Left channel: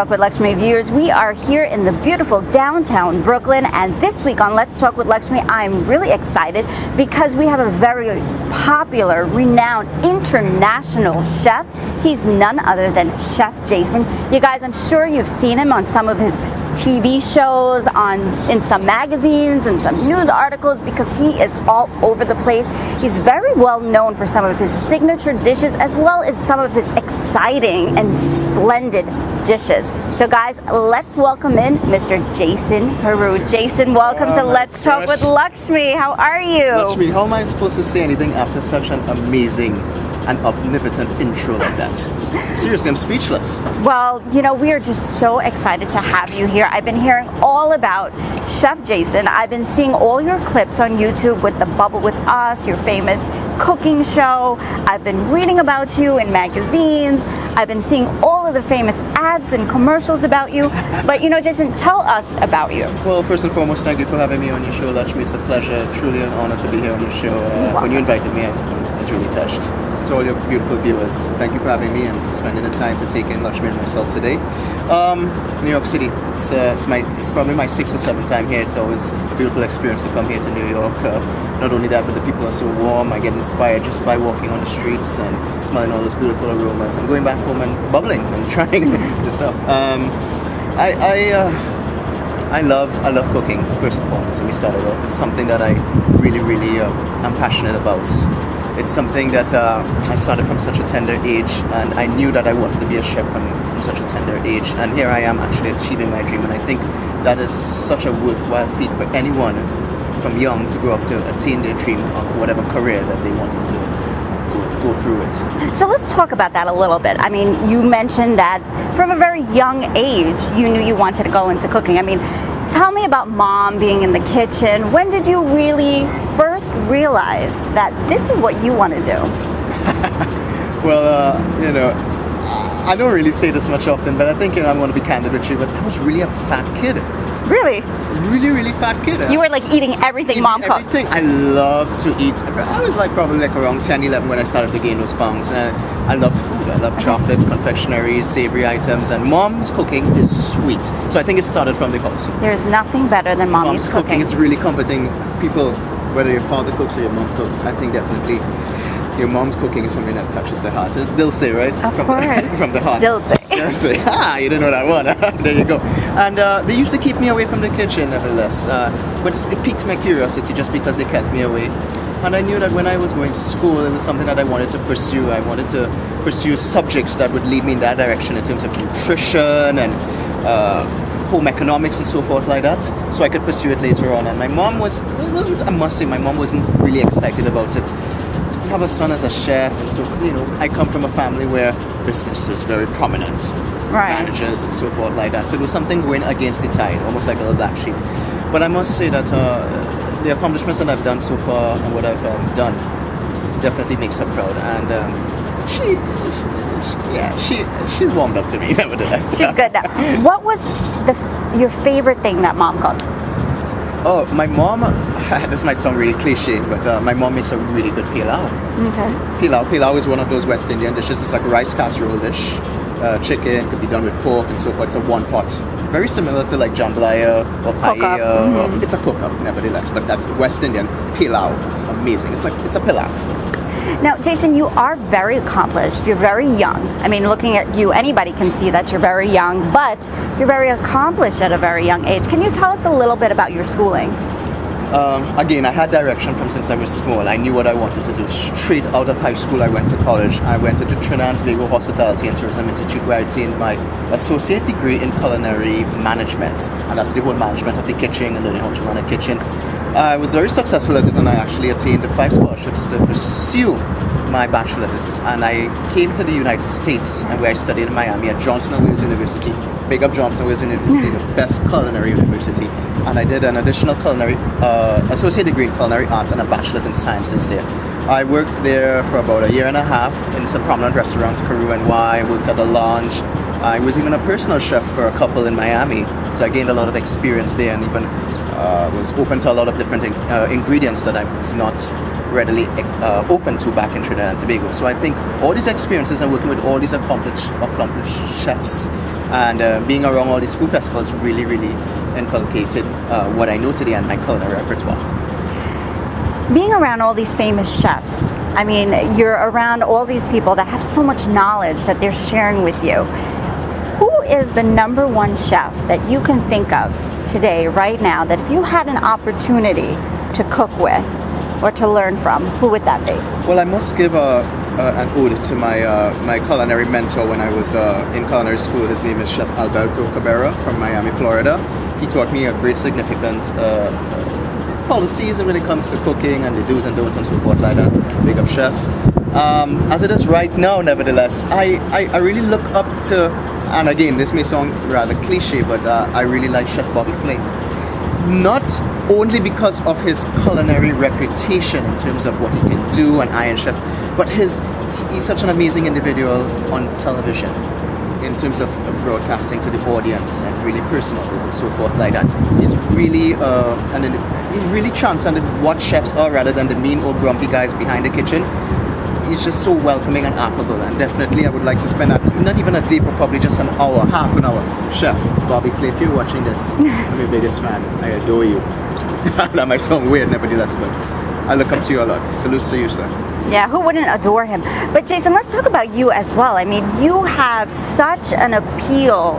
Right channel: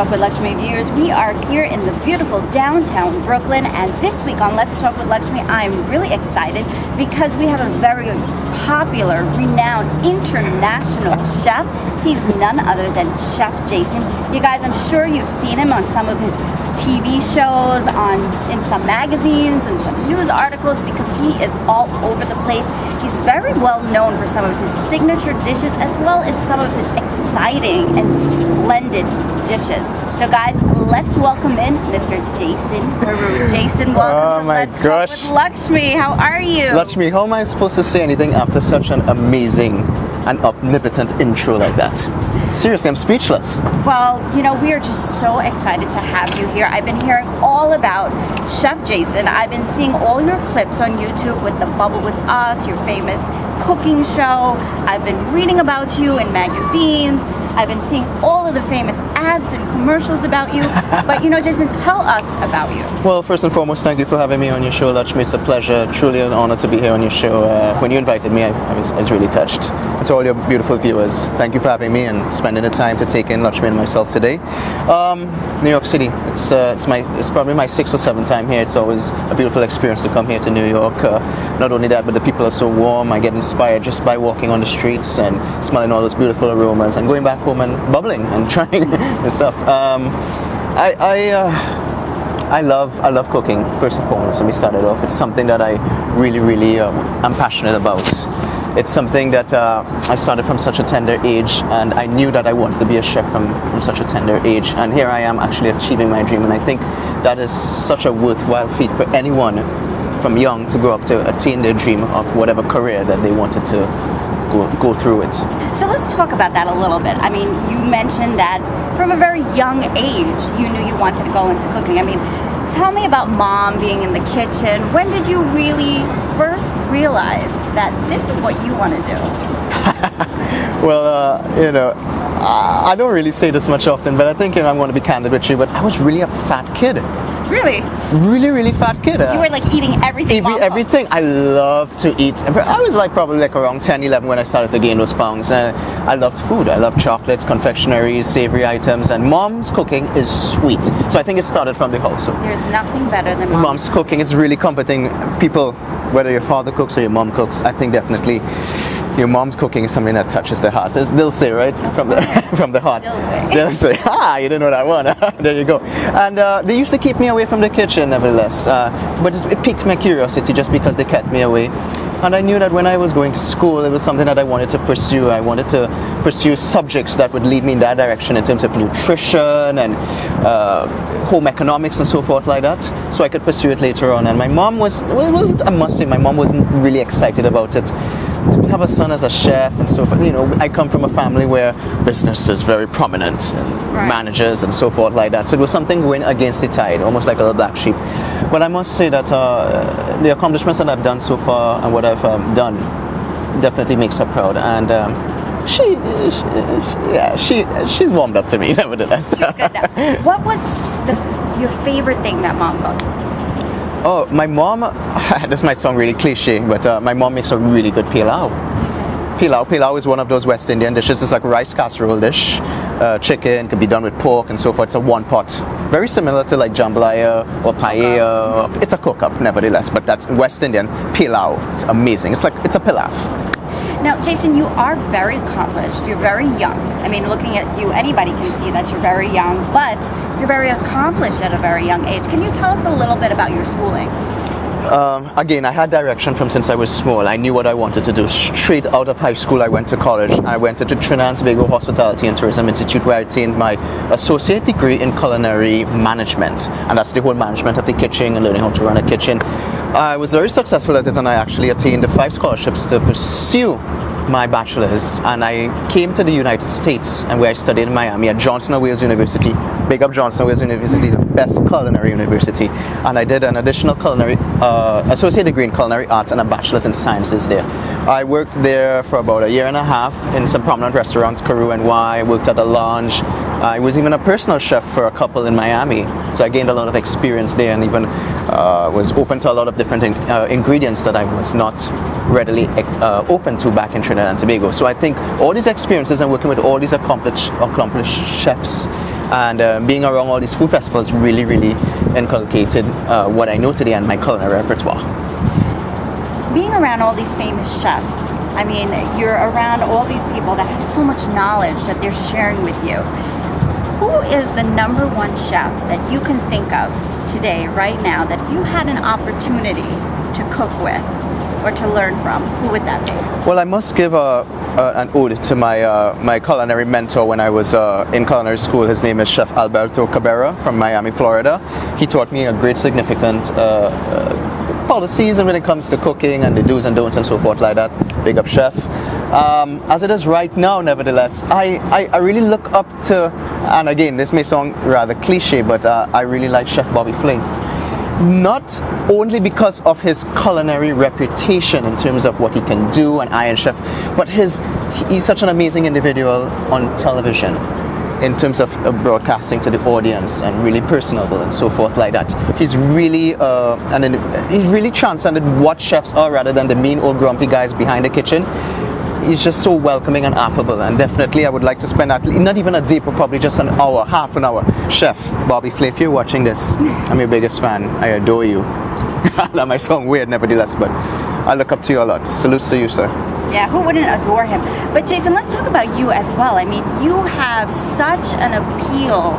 Talk with Lakshmee viewers. We are here in the beautiful downtown Brooklyn, and this week on Let's Talk with Lakshmee, I'm really excited because we have a very popular, renowned, international chef. He's none other than Chef Jason. You guys, I'm sure you've seen him on some of his TV shows, in some magazines and some news articles, because he is all over the place. He's very well known for some of his signature dishes as well as some of his exciting and splendid dishes. So guys, let's welcome in Mr. Chefjasonperu. Jason, welcome to Let's Talk with Lakshmee. How are you? Lakshmee, how am I supposed to say anything after such an amazing and omnipotent intro like that? Seriously, I'm speechless. Well, you know, we are just so excited to have you here. I've been hearing all about Chef Jason. I've been seeing all your clips on YouTube with the Bubble With Us, your famous cooking show. I've been reading about you in magazines. I've been seeing all of the famous ads and commercials about you. But, you know, Jason, tell us about you. Well, first and foremost, thank you for having me on your show, Lakshmee. It's a pleasure, truly an honor to be here on your show. When you invited me, I was really touched. To all your beautiful viewers, thank you for having me and spending the time to take in Lakshmee and myself today. New York City, it's probably my 6th or 7th time here. It's always a beautiful experience to come here to New York. Not only that, but the people are so warm. I get inspired just by walking on the streets and smelling all those beautiful aromas and going back home and bubbling and trying new stuff. I love cooking, first and foremost. So we started off. It's something that I really am passionate about. It's something that I started from such a tender age, and I knew that I wanted to be a chef from such a tender age. And here I am actually achieving my dream, and I think that is such a worthwhile feat for anyone from young to grow up to attain their dream of whatever career that they wanted to go through it. So let's talk about that a little bit. I mean, you mentioned that from a very young age, you knew you wanted to go into cooking. I mean, tell me about Mom being in the kitchen. When did you really first realize that this is what you want to do? Well, you know, I don't really say this much often, but I think, you know, I want to be candid with you, but I was really a fat kid. Really? Really fat kid. You were like eating everything Mom cooked. Everything. I love to eat. I was probably around 10, 11 when I started to gain those pounds. I loved food. I love chocolates, confectioneries, savory items, and Mom's cooking is sweet. So I think it started from the house. There's nothing better than Mom's cooking. It's really comforting. People, whether your father cooks or your mom cooks, I think definitely your mom's cooking is something that touches the heart. They'll say, right? From the heart. They'll say. You didn't know that one. There you go. And they used to keep me away from the kitchen, nevertheless. But it piqued my curiosity just because they kept me away. And I knew that when I was going to school, it was something that I wanted to pursue. I wanted to pursue subjects that would lead me in that direction in terms of nutrition and home economics and so forth like that, so I could pursue it later on. And my mom wasn't, I must say, my mom wasn't really excited about it. To have a son as a chef and so forth, you know, I come from a family where business is very prominent, right. Managers and so forth like that. So it was something going against the tide, almost like a little black sheep. But I must say that the accomplishments that I've done so far and what I've done definitely makes her proud. And she's warmed up to me, nevertheless. She's good now. What was your favorite thing that Mom cooked? Oh, my mom, this might sound really cliche, but my mom makes a really good pilau. Okay. Pilau is one of those West Indian dishes. It's like a rice casserole dish. Chicken can be done with pork and so forth. It's a one pot. Very similar to like jambalaya or paella. Mm-hmm. It's a cook-up, nevertheless, but that's West Indian pilau. It's amazing. It's a pilaf. Now, Jason, you are very accomplished. You're very young. I mean, looking at you, anybody can see that you're very young, but you're very accomplished at a very young age. Can you tell us a little bit about your schooling? Again, I had direction from since I was small. I knew what I wanted to do. Straight out of high school, I went to college. I went to Trinidad and Tobago Hospitality and Tourism Institute, where I attained my associate degree in culinary management. And that's the whole management of the kitchen and learning how to run a kitchen. I was very successful at it, and I actually attained 5 scholarships to pursue my bachelor's, and I came to the United States, and where I studied in Miami at Johnson & Wales University. Big up Johnson & Wales University, the best culinary university. And I did an additional culinary, associate degree in culinary arts and a bachelor's in sciences there. I worked there for about 1.5 years in some prominent restaurants, Peru and I worked at a lounge. I was even a personal chef for a couple in Miami, so I gained a lot of experience there, and even was open to a lot of different ingredients that I was not readily open to back in Trinidad and Tobago. So I think all these experiences and working with all these accomplished chefs And being around all these food festivals really, really inculcated what I know today and my culinary repertoire. Being around all these famous chefs, I mean, you're around all these people that have so much knowledge that they're sharing with you. Who is the number one chef that you can think of today, right now, that if you had an opportunity to cook with or to learn from, who would that be? Well, I must give an ode to my culinary mentor when I was in culinary school. His name is Chef Alberto Cabrera from Miami, Florida. He taught me a great significant policies when it comes to cooking and the do's and don'ts and so forth like that. Big up, Chef. As it is right now, nevertheless, I really look up to, and again, this may sound rather cliche, but I really like Chef Bobby Flay. Not only because of his culinary reputation in terms of what he can do, an Iron Chef, but he's such an amazing individual on television in terms of broadcasting to the audience and really personable and so forth like that. He's really he's really transcended what chefs are rather than the mean old grumpy guys behind the kitchen. He's just so welcoming and affable, and definitely I would like to spend not even a day, but probably just an hour, half an hour. Chef Bobby Flay, if you're watching this, I'm your biggest fan. I adore you. That might sound weird, nevertheless, but I look up to you a lot. Salutes to you, sir. Yeah, who wouldn't adore him? But Jason, let's talk about you as well. I mean, you have such an appeal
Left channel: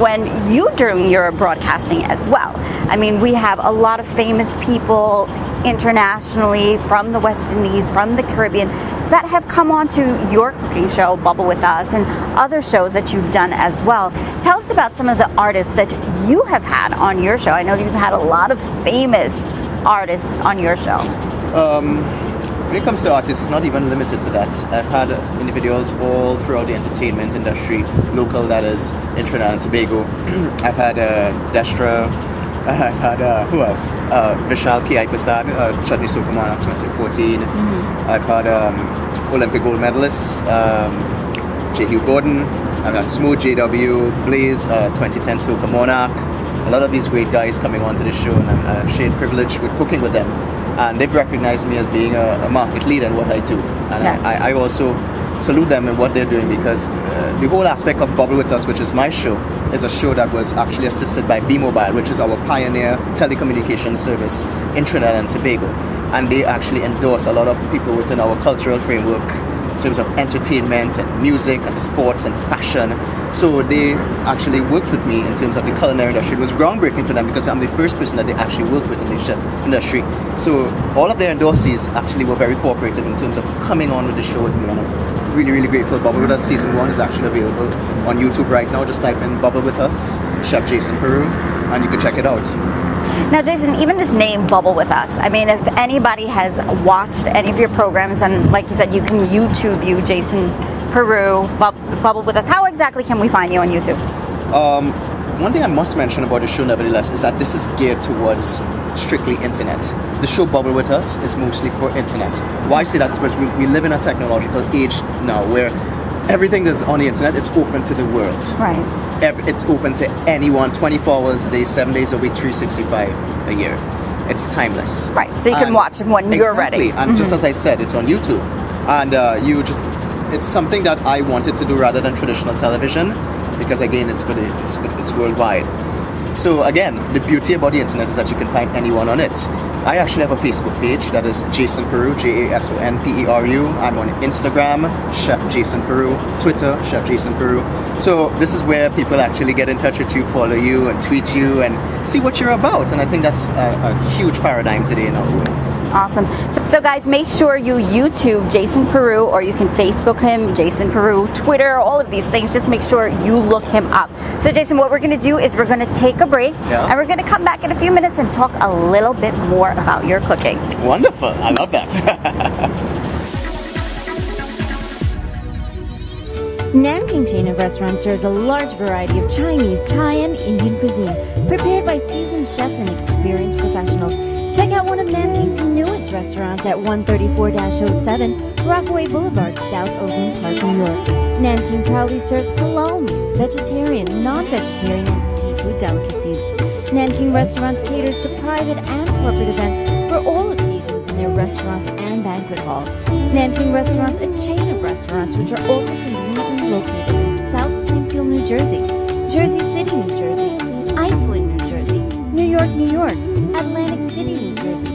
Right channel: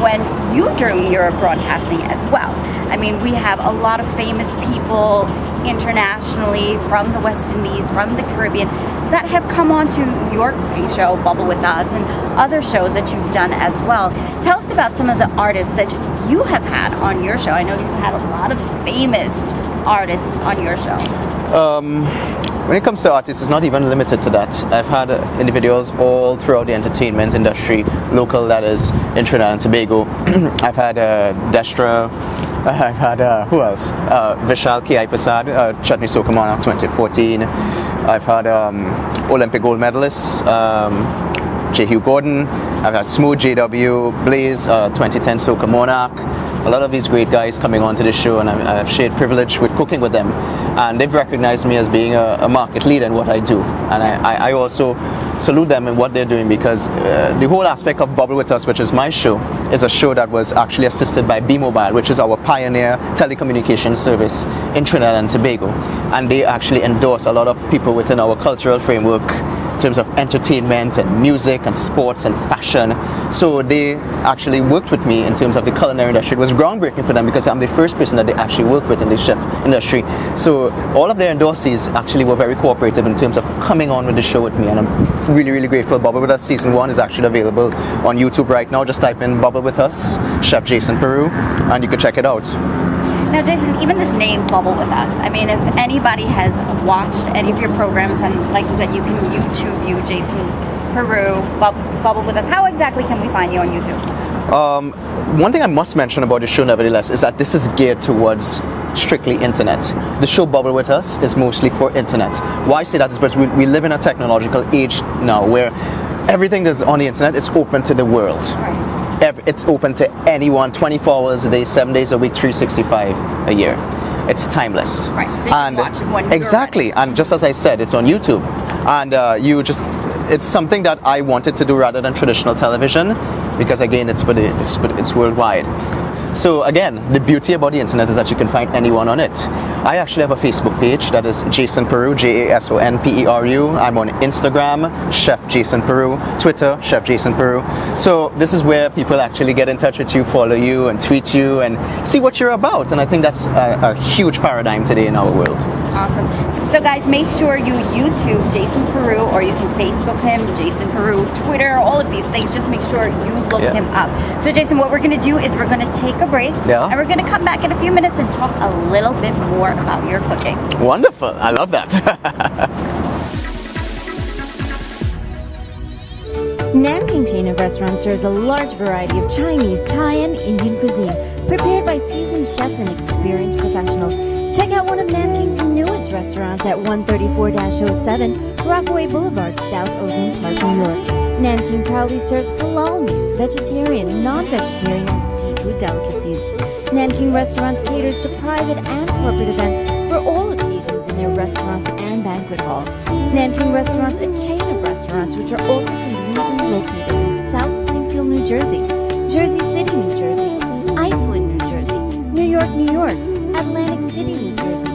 when you're doing your broadcasting as well. I mean, we have a lot of famous people internationally from the West Indies, from the Caribbean, that have come on to your cooking show, Bubble With Us, and other shows that you've done as well. Tell us about some of the artists that you have had on your show. I know you've had a lot of famous artists on your show. When it comes to artists, it's not even limited to that. I've had individuals all throughout the entertainment industry, local that is, in Trinidad and Tobago. I've had Destra, I've had, who else? Vishal K.I. Prasad, Chutney Soca Monarch 2014. I've had Olympic gold medalists, J. Hugh Gordon. I've had Smooth JW, Blaze, 2010 Soca Monarch. A lot of these great guys coming onto the show, and I've shared privilege with cooking with them. And they've recognized me as being a market leader in what I do. And yes. I also salute them in what they're doing, because the whole aspect of Bubble With Us, which is my show, is a show that was actually assisted by B-Mobile, which is our pioneer telecommunications service in Trinidad and Tobago. And they actually endorse a lot of people within our cultural framework in terms of entertainment and music and sports and fashion. So they actually worked with me in terms of the culinary industry. It was groundbreaking for them because I'm the first person that they actually worked with in the chef industry. So all of their endorsees actually were very cooperative in terms of coming on with the show with me, and I'm really, really grateful. Bubble With Us Season 1 is actually available on YouTube right now. Just type in Bubble With Us, Chefjasonperu, and you can check it out. Now, Jason, even this name, Bubble With Us, I mean, if anybody has watched any of your programs, and like you said, you can YouTube you, Jason Peru, Bubble With Us, how exactly can we find you on YouTube? One thing I must mention about the show, nevertheless, is that this is geared towards strictly internet. The show Bubble With Us is mostly for internet. Why I say that is because we live in a technological age now where everything is on the internet. It's open to the world. Right. It's open to anyone, 24 hours a day, 7 days a week, 365 a year. It's timeless. Right, so you can watch it when you're ready. Exactly, and just as I said, it's on YouTube. And it's something that I wanted to do rather than traditional television, because again, it's worldwide. So again, the beauty about the internet is that you can find anyone on it. I actually have a Facebook page that is Jason Peru, Jasonperu. I'm on Instagram, Chef Jason Peru, Twitter, Chef Jason Peru. So this is where people actually get in touch with you, follow you, and tweet you, and see what you're about. And I think that's a huge paradigm today in our world. Awesome. So guys, make sure you YouTube Jason Peru, or you can Facebook him, Jason Peru, Twitter, all of these things. Just make sure you look him up. So Jason, what we're going to do is we're going to take a break, and we're going to come back in a few minutes and talk a little bit more about your cooking. Wonderful. I love that. Nanking chain of restaurants serves a large variety of Chinese, Thai, and Indian cuisine, prepared by seasoned chefs and experienced professionals. Check out one of Nanking's newest restaurants at 134-07 Rockaway Boulevard, South Ozone Park, New York. Nanking proudly serves halal meats, vegetarian, non-vegetarian, and seafood delicacies. Nanking Restaurants caters to private and corporate events for all occasions in their restaurants and banquet halls. Nanking Restaurants, a chain of restaurants which are also conveniently located in South Springfield, New Jersey. Jersey City, New Jersey, Iceland, New Jersey, New York, New York, Atlantic City, New Jersey,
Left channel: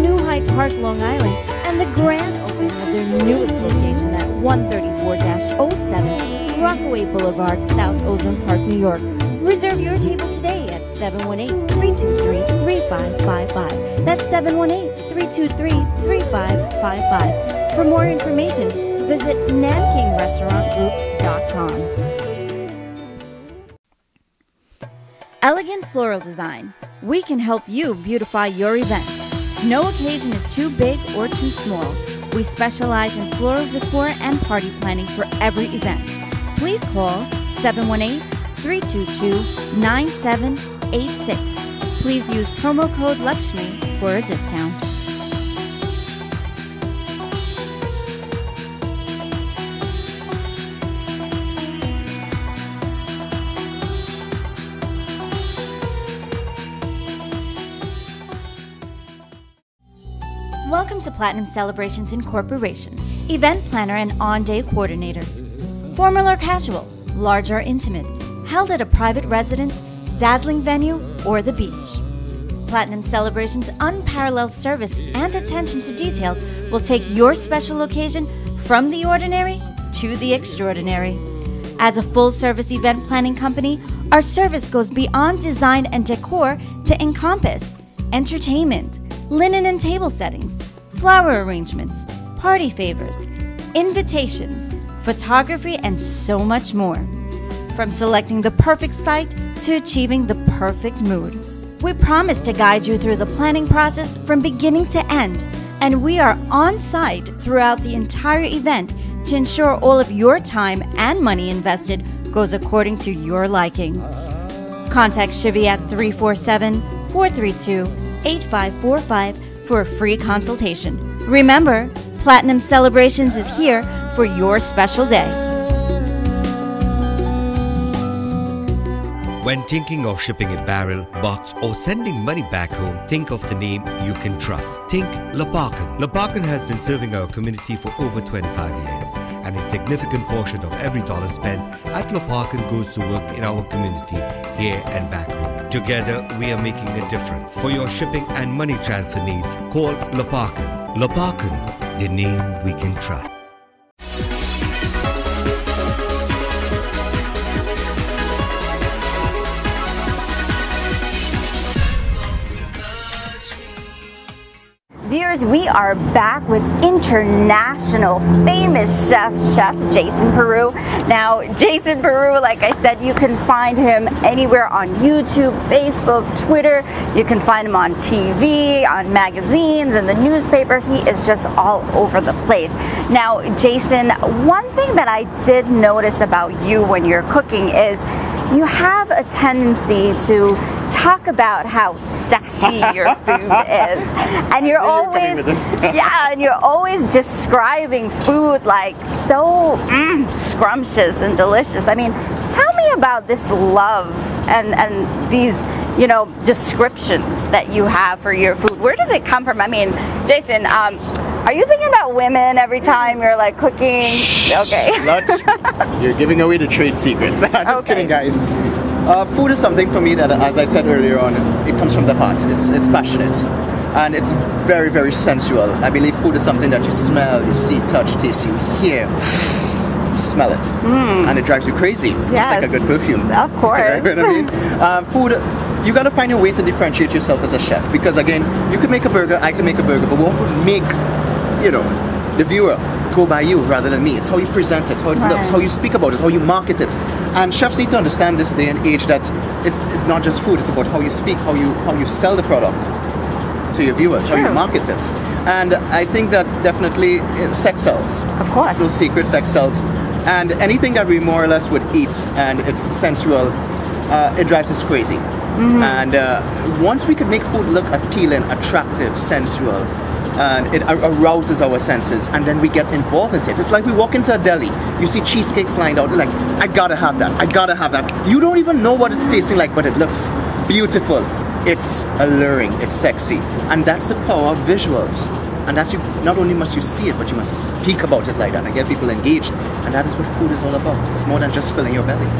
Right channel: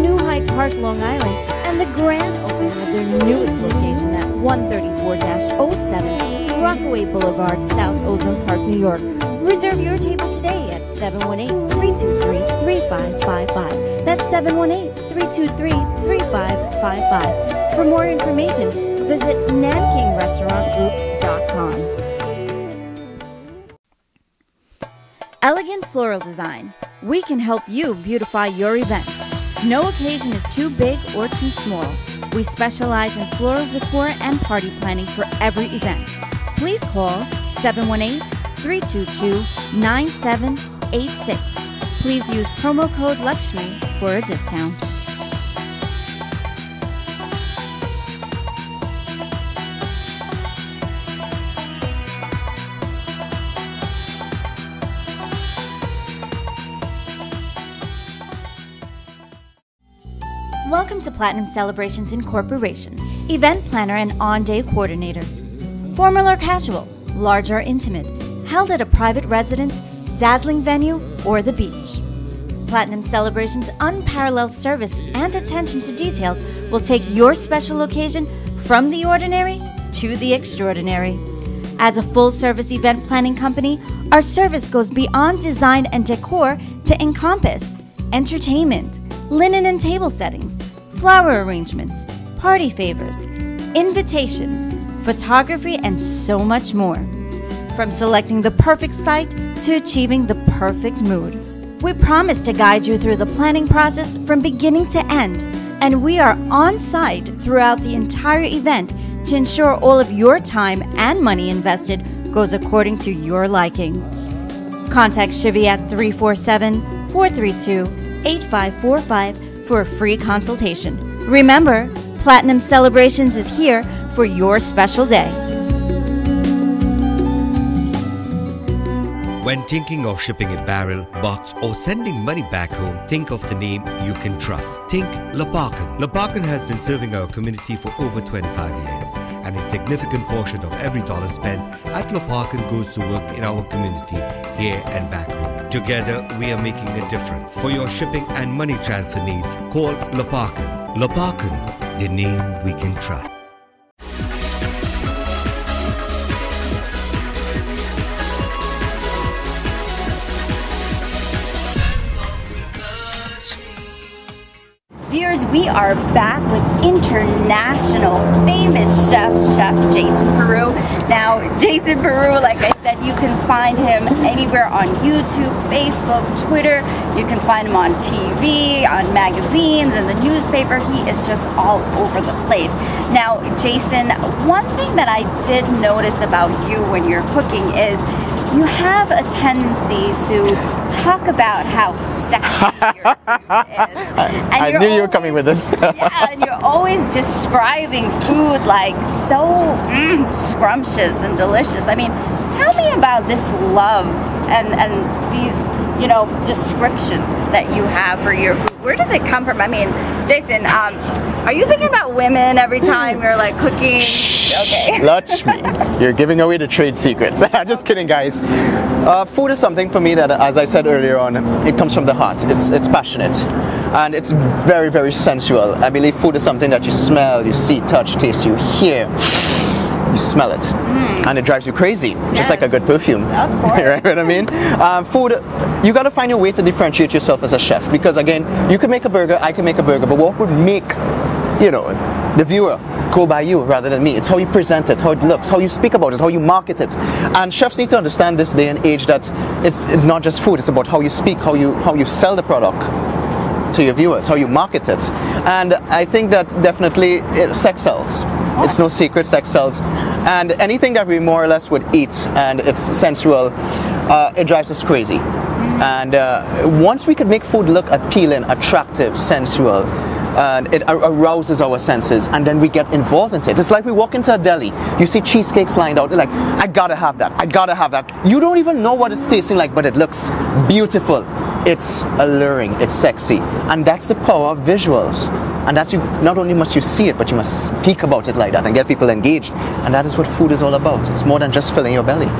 New Hyde Park, Long Island, and the grand opening of their newest location at 134-07 Rockaway Boulevard, South Ozone Park, New York. Reserve your table today at 718-323-3555. That's 718-323-3555. For more information, visit nankingRestaurantGroup.com. Elegant Floral Design. We can help you beautify your event. No occasion is too big or too small. We specialize in floral decor and party planning for every event. Please call 718-322-9786. Please use promo code Lakshmee for a discount. Welcome to Platinum Celebrations Incorporation, event planner and on-day coordinators. Formal or casual, large or intimate, held at a private residence, dazzling venue, or the beach. Platinum Celebrations' unparalleled service and attention to details will take your special occasion from the ordinary to the extraordinary. As a full-service event planning company, our service goes beyond design and decor to encompass entertainment, linen and table settings, flower arrangements, party favors, invitations, photography, and so much more. From selecting the perfect site to achieving the perfect mood. We promise to guide you through the planning process from beginning to end, and we are on site throughout the entire event to ensure all of your time and money invested goes according to your liking. Contact Shivy at 347-432-8545 for a free consultation. Remember, Platinum Celebrations is here for your special day. When thinking of shipping a barrel, box, or sending money back home, think of the name you can trust. Think Laparkan. Laparkan has been serving our community for over 25 years, and a significant portion of every dollar spent at Laparkan goes to work in our community here and back home. Together, we are making a difference. For your shipping and money transfer needs, call Laparkan. Laparkan, the name we can trust. We are back with international famous chef Chefjasonperu. Now, Jason Peru, like I said, you can find him anywhere on YouTube, Facebook, Twitter. You can find him on TV, on magazines, in the newspaper. He is just all over the place. Now, Jason, one thing that I did notice about you when you're cooking is you have a tendency to talk about how sexy your food is. And I knew you were coming with this. Yeah, and you're always describing food like so scrumptious and delicious. I mean, tell me about this love and these, you know, descriptions that you have for your food. Where does it come from? I mean, Jason, are you thinking about women every time you're like cooking? Okay. Lakshmee, you're giving away the trade secrets. I'm just kidding, guys. Food is something for me that, as I said earlier on, it comes from the heart. It's passionate, and it's very, very sensual. I believe food is something that you smell, you see, touch, taste, you hear. You smell it, and it drives you crazy, just like a good perfume. Of course. You know what I mean? Food, you got to find your way to differentiate yourself as a chef, because again, you can make a burger, I can make a burger, but what would make, you know, the viewer go by you rather than me? It's how you present it, how it looks, how you speak about it, how you market it. And chefs need to understand this day and age that it's not just food, it's about how you speak, how you sell the product to your viewers, how you market it. And I think that definitely sex sells. Of course. It's no secret, sex sells. And anything that we more or less would eat and it's sensual, it drives us crazy. And once we can make food look appealing, attractive, sensual, and it arouses our senses, and then we get involved in it. It's like we walk into a deli, you see cheesecakes lined out, like, I gotta have that, I gotta have that. You don't even know what it's tasting like, but it looks beautiful. It's alluring, it's sexy. And that's the power of visuals. And that's not only must you see it, but you must speak about it like that and get people engaged. And that is what food is all about. It's more than just filling your belly.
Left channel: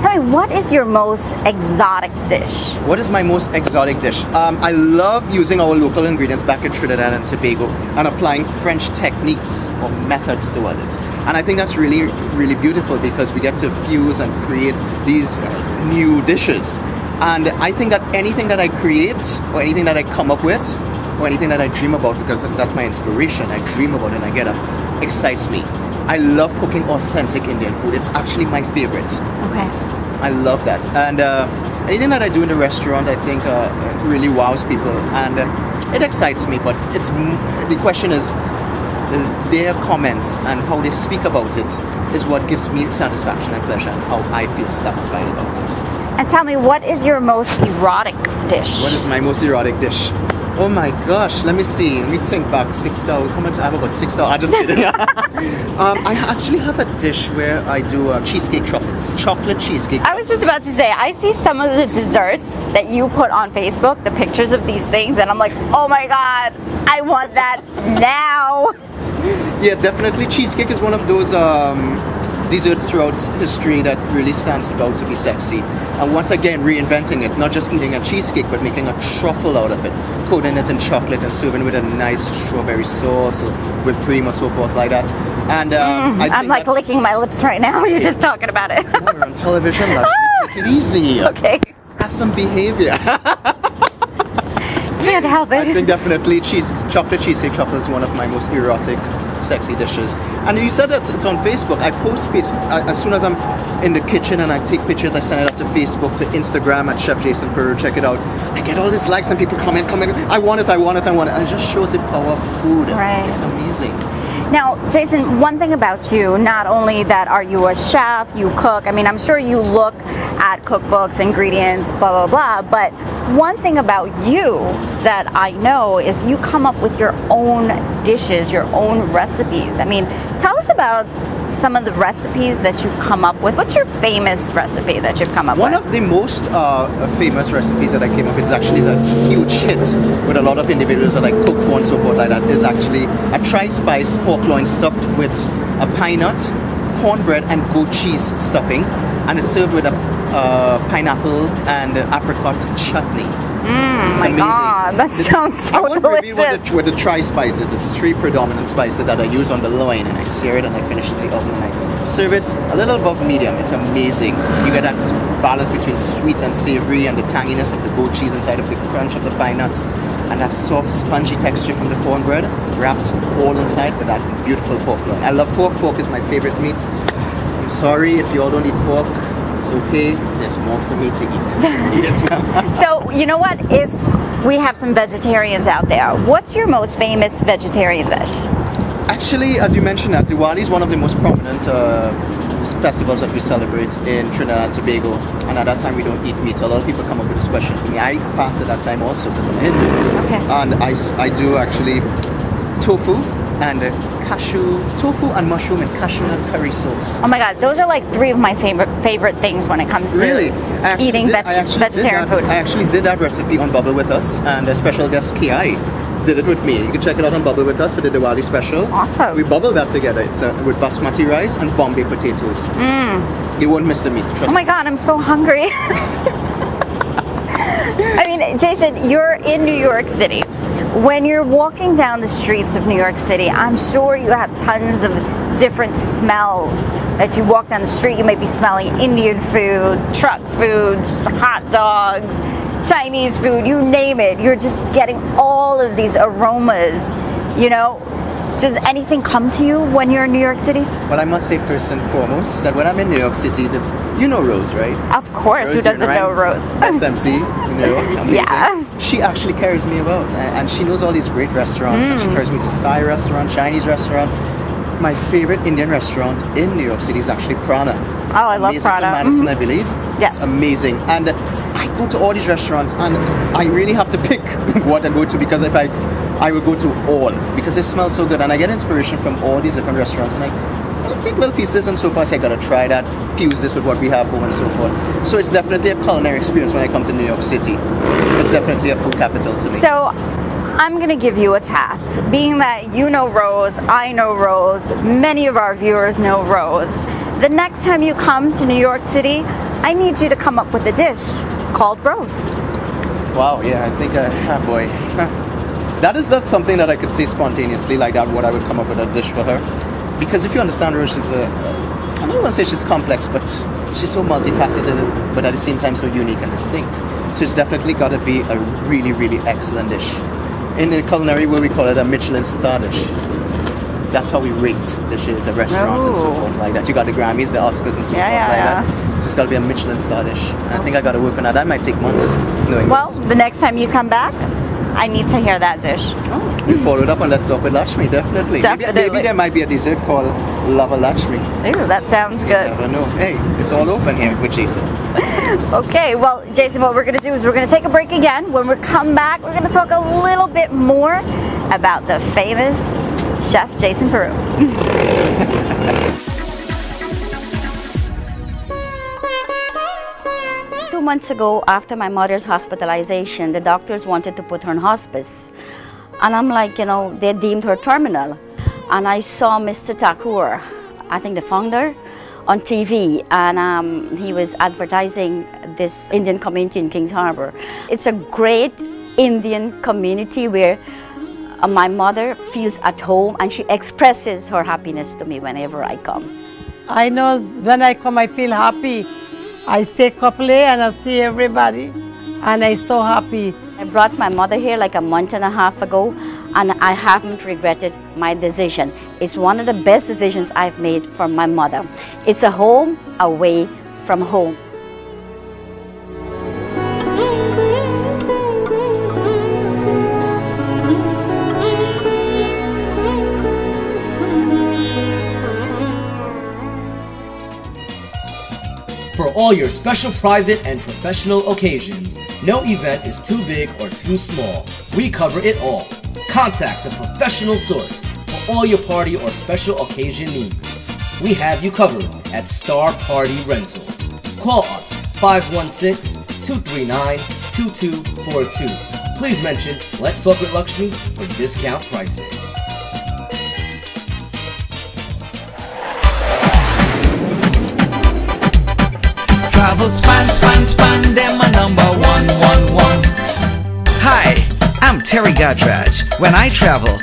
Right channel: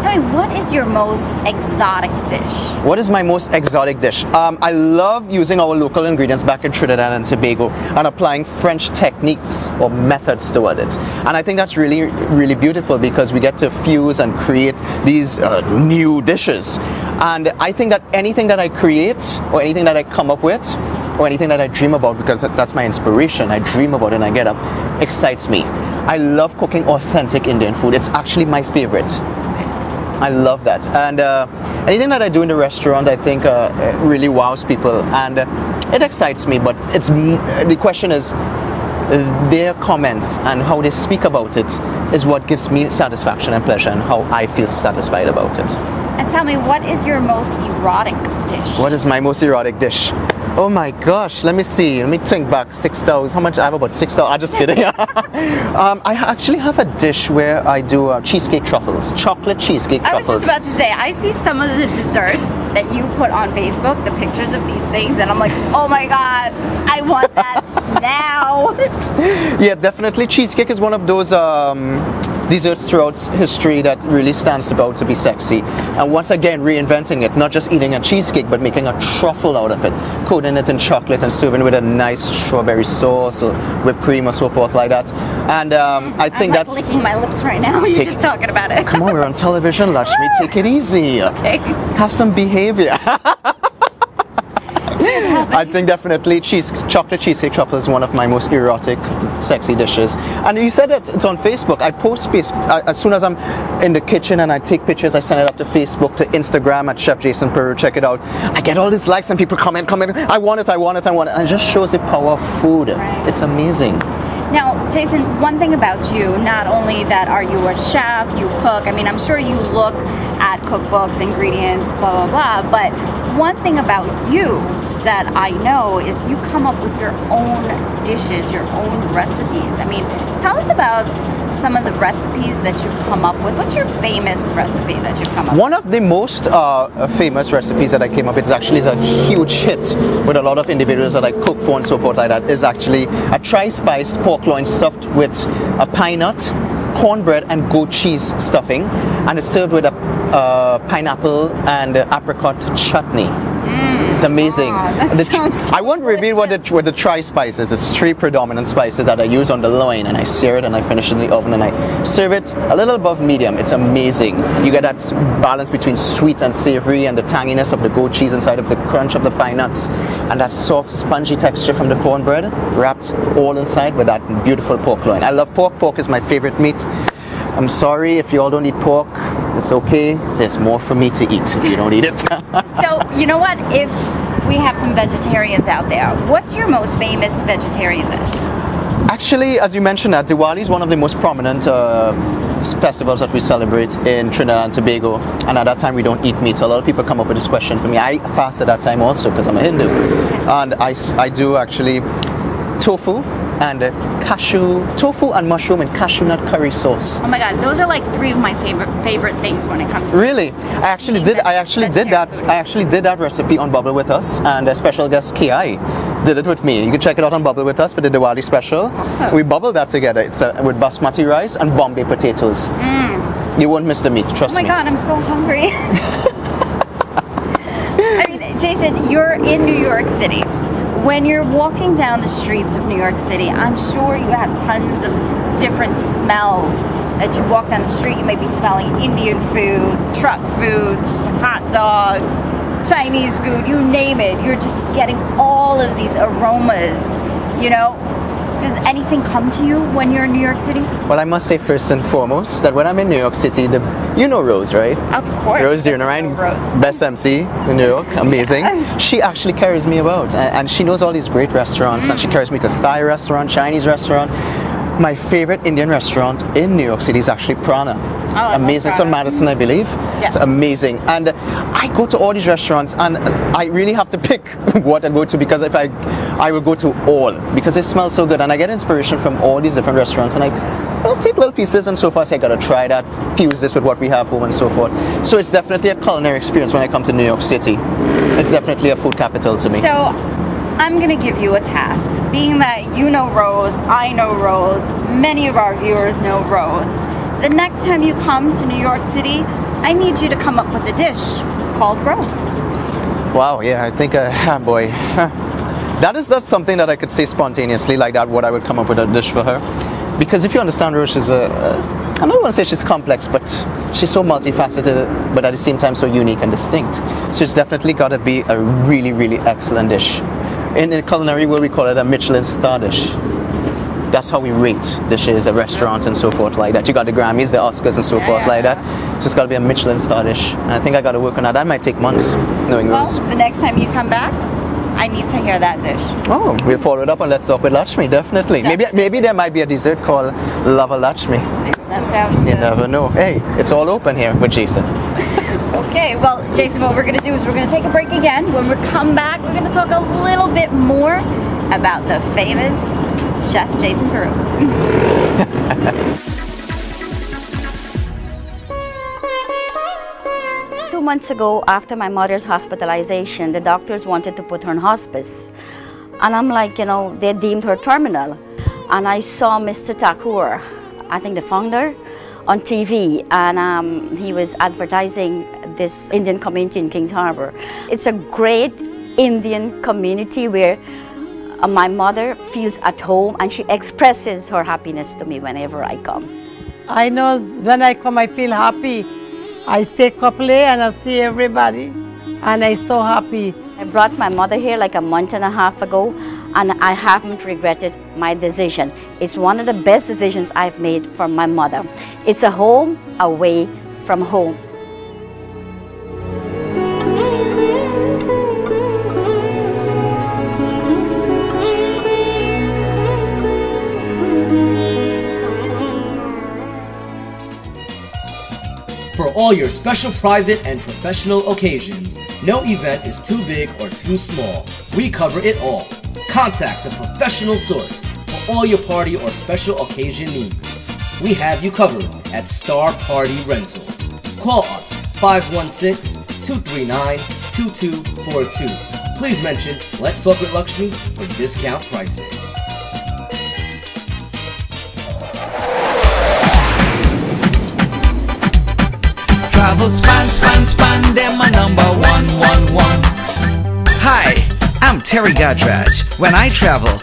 Tell me, what is your most exotic dish? What is my most exotic dish? I love using our local ingredients back in Trinidad and Tobago and applying French techniques or methods toward it. And I think that's really, really beautiful because we get to fuse and create these new dishes. And I think that anything that I create or anything that I come up with or anything that I dream about, because that's my inspiration, I dream about it and I get up, excites me. I love cooking authentic Indian food. It's actually my favorite. Okay. I love that. And anything that I do in the restaurant, I think really wows people, and it excites me. But the question is, their comments and how they speak about it is what gives me satisfaction and pleasure, and how I feel satisfied about it. And tell me, what is your most erotic dish? What is my most erotic dish? Oh my gosh, let me see. Let me think back. 6,000. How much? I have about 6,000. I'm just kidding. I actually have a dish where I do cheesecake truffles. Chocolate cheesecake truffles. I was just about to say, I see some of the desserts that you put on Facebook, the pictures of these things, and I'm like, oh my God, I want that now. Yeah, definitely. Cheesecake is one of those desserts throughout history that really stands about to be sexy. And once again, reinventing it, not just eating a cheesecake, but making a truffle out of it, coating it in chocolate and serving it with a nice strawberry sauce or whipped cream or so forth like that. And I think I'm like licking my lips right now. You're just talking about it. Come on, we're on television, Lakshmee. Take it easy. Okay. Have some behavior. Can't help it. I think definitely chocolate cheesecake truffle is one of my most erotic, sexy dishes. And you said that it's on Facebook. I post as soon as I'm in the kitchen and I take pictures, I send it up to Facebook, to Instagram at Chefjasonperu. Check it out. I get all these likes and people comment. I want it. And it just shows the power of food. Right. It's amazing. Now, Jason, one thing about you, not only that are you a chef, you cook, I mean, I'm sure you look at cookbooks, ingredients, blah, blah, blah, but one thing about you that I know is you come up with your own dishes, your own recipes. I mean, tell us about some of the recipes that you've come up with. What's your famous recipe that you've come up with? One of the most famous recipes that I came up with is actually a huge hit with a lot of individuals that I cook for and so forth like that, is actually a tri-spiced pork loin stuffed with a pine nut, cornbread and goat cheese stuffing, and it's served with a pineapple and apricot chutney. It's amazing. That sounds so I won't reveal what the tri-spices. There's 3 predominant spices that I use on the loin, and I sear it and I finish in the oven and I serve it a little above medium. It's amazing. You get that balance between sweet and savory and the tanginess of the goat cheese inside of the crunch of the pine nuts and that soft spongy texture from the cornbread wrapped all inside with that beautiful pork loin. I love pork. Pork is my favorite meat. I'm sorry if you all don't eat pork. It's okay. There's more for me to eat. You don't eat it. So, you know what? If we have some vegetarians out there, what's your most famous vegetarian dish? Actually, as you mentioned, Diwali is one of the most prominent festivals that we celebrate in Trinidad and Tobago. And at that time, we don't eat meat. So a lot of people come up with this question for me. I fast at that time also because I'm a Hindu. Okay. And I do actually tofu and tofu and mushroom and cashew nut curry sauce. Oh my God, those are like 3 of my favorite things when it comes to eating vegetarian food. I actually did that recipe on Bubble With Us, and a special guest, Ki, did it with me. You can check it out on Bubble With Us for the Diwali special. Awesome. We bubbled that together. It's with basmati rice and Bombay potatoes. You won't miss the meat, trust me. Oh my God, I'm so hungry. I mean, Jason, you're in New York City. When you're walking down the streets of New York City, I'm sure you have tons of different smells. As you walk down the street, you may be smelling Indian food, truck food, hot dogs, Chinese food, you name it. You're just getting all of these aromas, you know. Does anything come to you when you're in New York City? Well, I must say first and foremost that when I'm in New York City, you know Rose, right? Of course, Rose, who doesn't know Rose? Best MC in New York, amazing. Yeah. She actually carries me about, and she knows all these great restaurants, and she carries me to Thai restaurant, Chinese restaurant. My favorite Indian restaurant in New York City is actually Prana. It's amazing. It's on Madison, I believe. Yes. It's amazing. And I go to all these restaurants, and I really have to pick what I go to, because if I will go to all, because they smell so good, and I get inspiration from all these different restaurants, and I'll take little pieces and so forth. I gotta try that, fuse this with what we have home and so forth. So it's definitely a culinary experience when I come to New York City. It's definitely a food capital to me. So I'm going to give you a task. Being that you know Rose, I know Rose, many of our viewers know Rose. The next time you come to New York City, I need you to come up with a dish called Rose. Wow, yeah, I think, boy. That is not something that I could say spontaneously like that, what I would come up with a dish for her. Because if you understand Rose, she's I don't want to say she's complex, but she's so multifaceted, but at the same time so unique and distinct. So it's definitely got to be a really, really excellent dish. In the culinary, where we call it a Michelin star dish. That's how we rate dishes at restaurants and so forth like that. You got the Grammys, the Oscars and so forth like that. So it's got to be a Michelin star dish. And I think I got to work on that. That might take months. Well, the next time you come back, I need to hear that dish. Oh, we'll follow it up and let's talk with Lakshmee, definitely. Maybe there might be a dessert called Lava Lakshmee. Ooh, that sounds good. You never know. Hey, it's all open here with Jason. Okay, well, Jason, what we're going to do is we're going to take a break again. When we come back, we're going to talk a little bit more about the famous Chefjasonperu. 2 months ago, after my mother's hospitalization, the doctors wanted to put her in hospice. And I'm like, you know, they deemed her terminal. And I saw Mr. Thakur, I think the founder, on TV, and he was advertising this Indian community in Kings Harbor. It's a great Indian community where my mother feels at home and she expresses her happiness to me whenever I come. I know when I come I feel happy. I stay couple and I see everybody and I'm so happy. I brought my mother here like a month and a half ago and I haven't regretted my decision. It's one of the best decisions I've made for my mother. It's a home away from home. For all your special private and professional occasions, no event is too big or too small. We cover it all. Contact the professional source for all your party or special occasion needs. We have you covered at Star Party Rentals. Call us 516-239-2242. Please mention Let's Talk with Lakshmee for discount pricing. Travel span, them a number 111. Hi, I'm Terry Gadraj. When I travel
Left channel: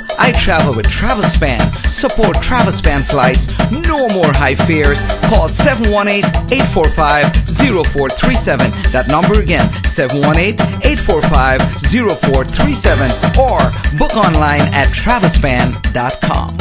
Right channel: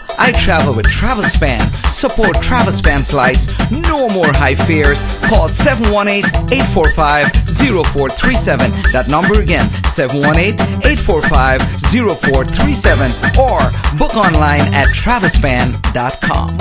with TravelSpan. Support TravelSpan flights, no more high fares. Call 718-845-0437. That number again, 718-845-0437. Or book online at TravelSpan.com.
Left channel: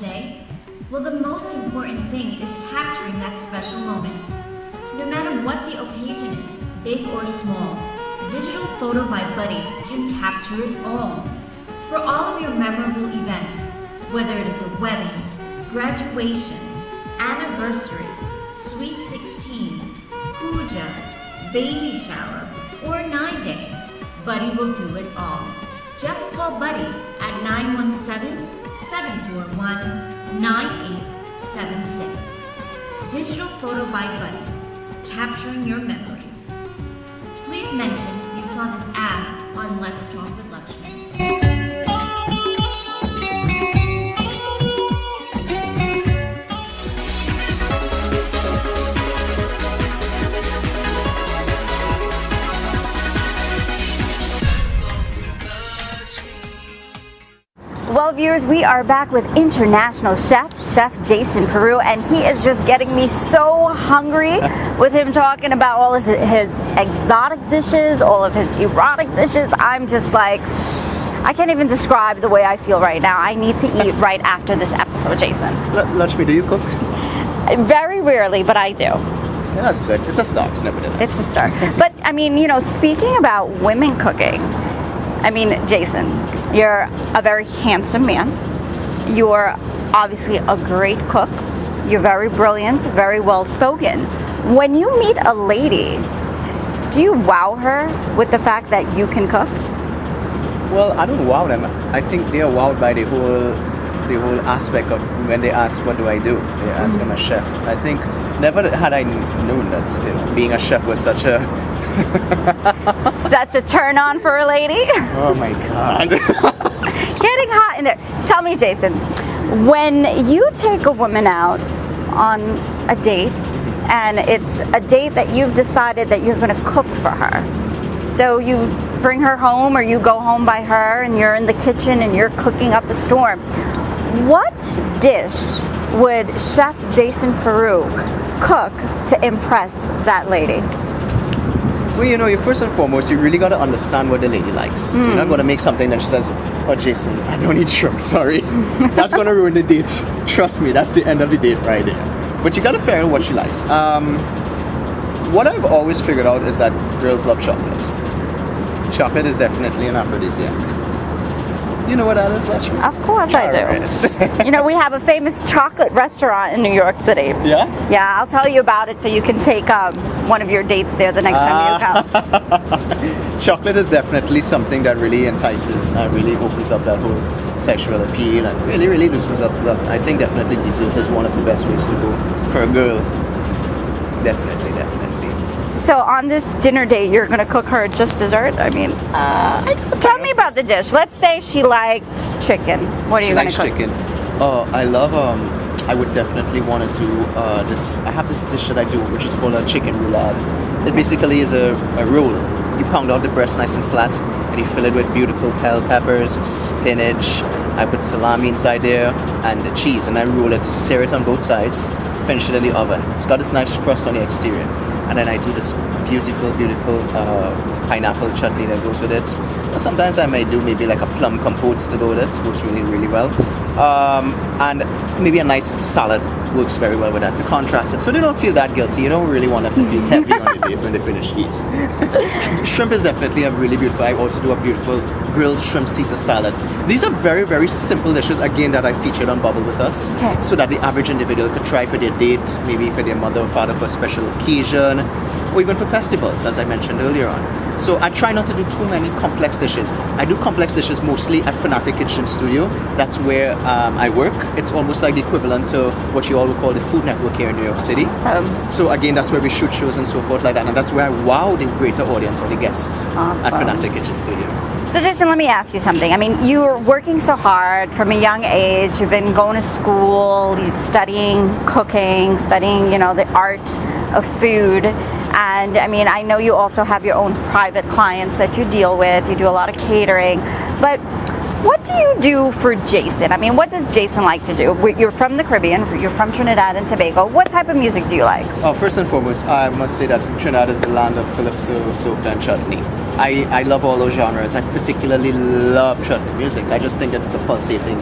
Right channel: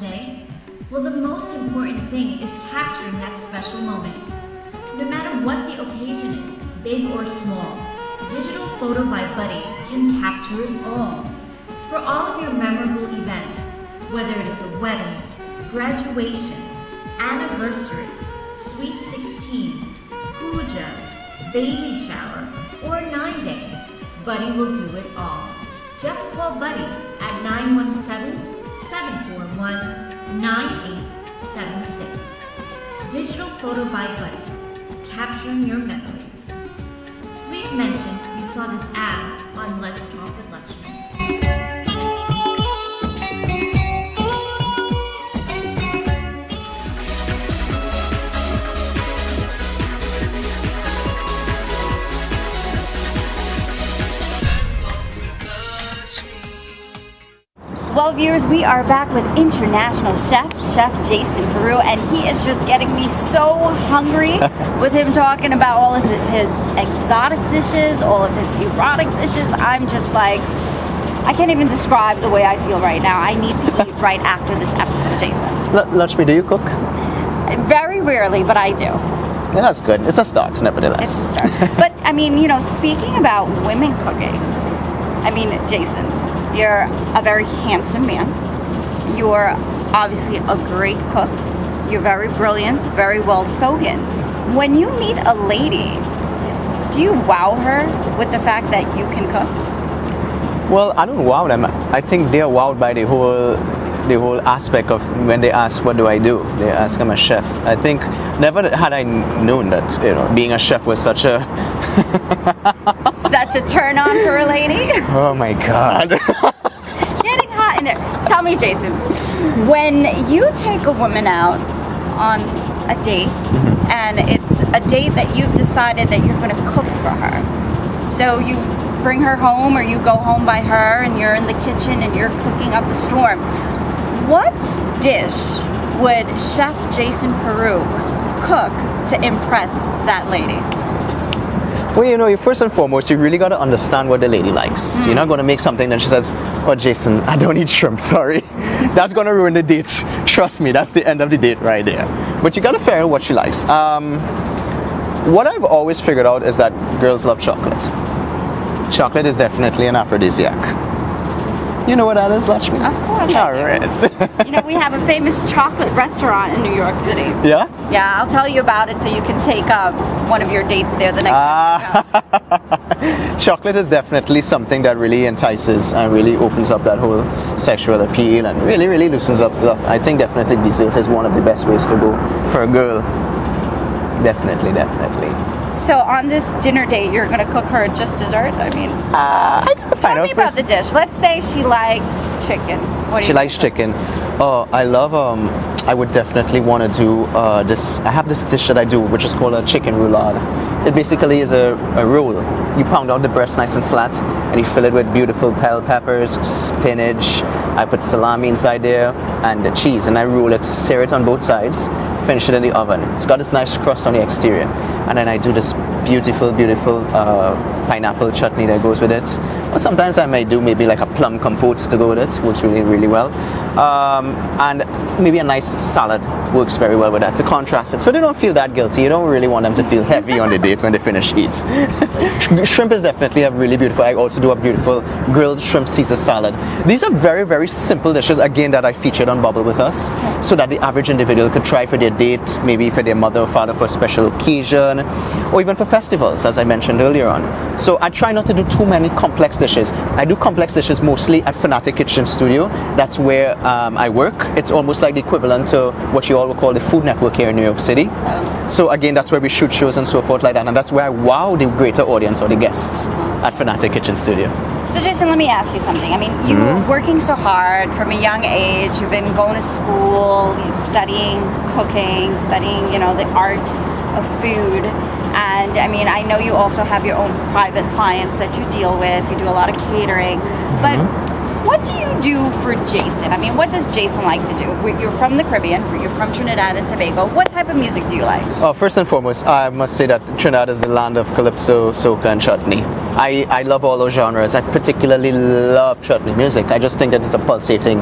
Day? Well, the most important thing is capturing that special moment. No matter what the occasion is, big or small, Digital Photo by Buddy can capture it all. For all of your memorable events, whether it is a wedding, graduation, anniversary, sweet 16, puja, baby shower, or 9-day, Buddy will do it all. Just call Buddy at 917-741-9876. Digital Photo by Buddy, capturing your memories. Please mention you saw this ad on Let's Talk with Lakshmee. Well, viewers, we are back with international chef Chefjasonperu, and he is just getting me so hungry with him talking about all his exotic dishes, all of his erotic dishes. I'm just like, I can't even describe the way I feel right now. I need to eat right after this episode, Jason. Lakshmee, do you cook? Very rarely, but I do. Yeah, that's good. It's a start, nevertheless. It's a start. But, I mean, you know, speaking about women cooking, I mean, Jason, you're a very handsome man. You're obviously a great cook. You're very brilliant, very well spoken. When you meet a lady, do you wow her with the fact that you can cook? Well, I don't wow them. I think they're wowed by the whole the whole aspect of when they ask what do I do, they ask I'm a chef. I think never had I known that being a chef was such a such a turn on for a lady. Oh my God. Getting hot in there. Tell me, Jason, when you take a woman out on a date, and it's a date that you've decided that you're going to cook for her, so you bring her home or you go home by her and you're in the kitchen and you're cooking up a storm, what dish would Chef Jasonperu cook to impress that lady? Well, you first and foremost, you really got to understand what the lady likes. You're not going to make something that she says, oh, Jason, I don't eat shrimp, sorry. That's going to ruin the date. Trust me, that's the end of the date right there. But you got to figure out what she likes. What I've always figured out is that girls love chocolate. Chocolate is definitely an aphrodisiac. You know what that is, Lakshmee? Of course I do. Right. We have a famous chocolate restaurant in New York City. Yeah? Yeah, I'll tell you about it so you can take one of your dates there the next time you come. Chocolate is definitely something that really entices and really opens up that whole sexual appeal and really, really loosens up stuff. I think definitely dessert is one of the best ways to go for a girl. Definitely, definitely. So on this dinner date, you're going to cook her just dessert? I mean, tell me about the dish. Let's say she likes chicken. What are you going to cook? She likes chicken. Oh, I love, I would definitely want to do this. I have this dish that I do, which is called a chicken roulade. It basically is a roll. You pound out the breast nice and flat, and you fill it with beautiful bell peppers, spinach. I put salami inside there, and the cheese, and I roll it, sear it on both sides, finish it in the oven. It's got this nice crust on the exterior, and then I do this beautiful, beautiful pineapple chutney that goes with it. Or sometimes I might do maybe like a plum compote to go with it, works really, really well. And maybe a nice salad works very well with that to contrast it. So they don't feel that guilty. You don't really want them to feel heavy on the date when they finish eat. Shrimp is definitely a really beautiful. I also do a beautiful grilled shrimp Caesar salad. These are very, very simple dishes, again, that I featured on Bubble With Us, so that the average individual could try for their date, maybe for their mother or father for a special occasion, or even for festivals, as I mentioned earlier on. So I try not to do too many complex dishes. I do complex dishes mostly at Fanatic Kitchen Studio. That's where I work. It's almost like the equivalent to what you all would call the Food Network here in New York City. So again, that's where we shoot shows and so forth like that, and that's where I wow the greater audience or the guests at Fanatic Kitchen Studio. So Jason, let me ask you something. I mean, you're working so hard from a young age. You've been going to school, studying cooking, studying, the art of food. And I mean, I know you also have your own private clients that you deal with. You do a lot of catering. But what do you do for Jason? I mean, what does Jason like to do? You're from the Caribbean. You're from Trinidad and Tobago. What type of music do you like? Well, first and foremost, I must say that Trinidad is the land of calypso, soca, and chutney. I love all those genres. I particularly love chutney music. I just think that it's a pulsating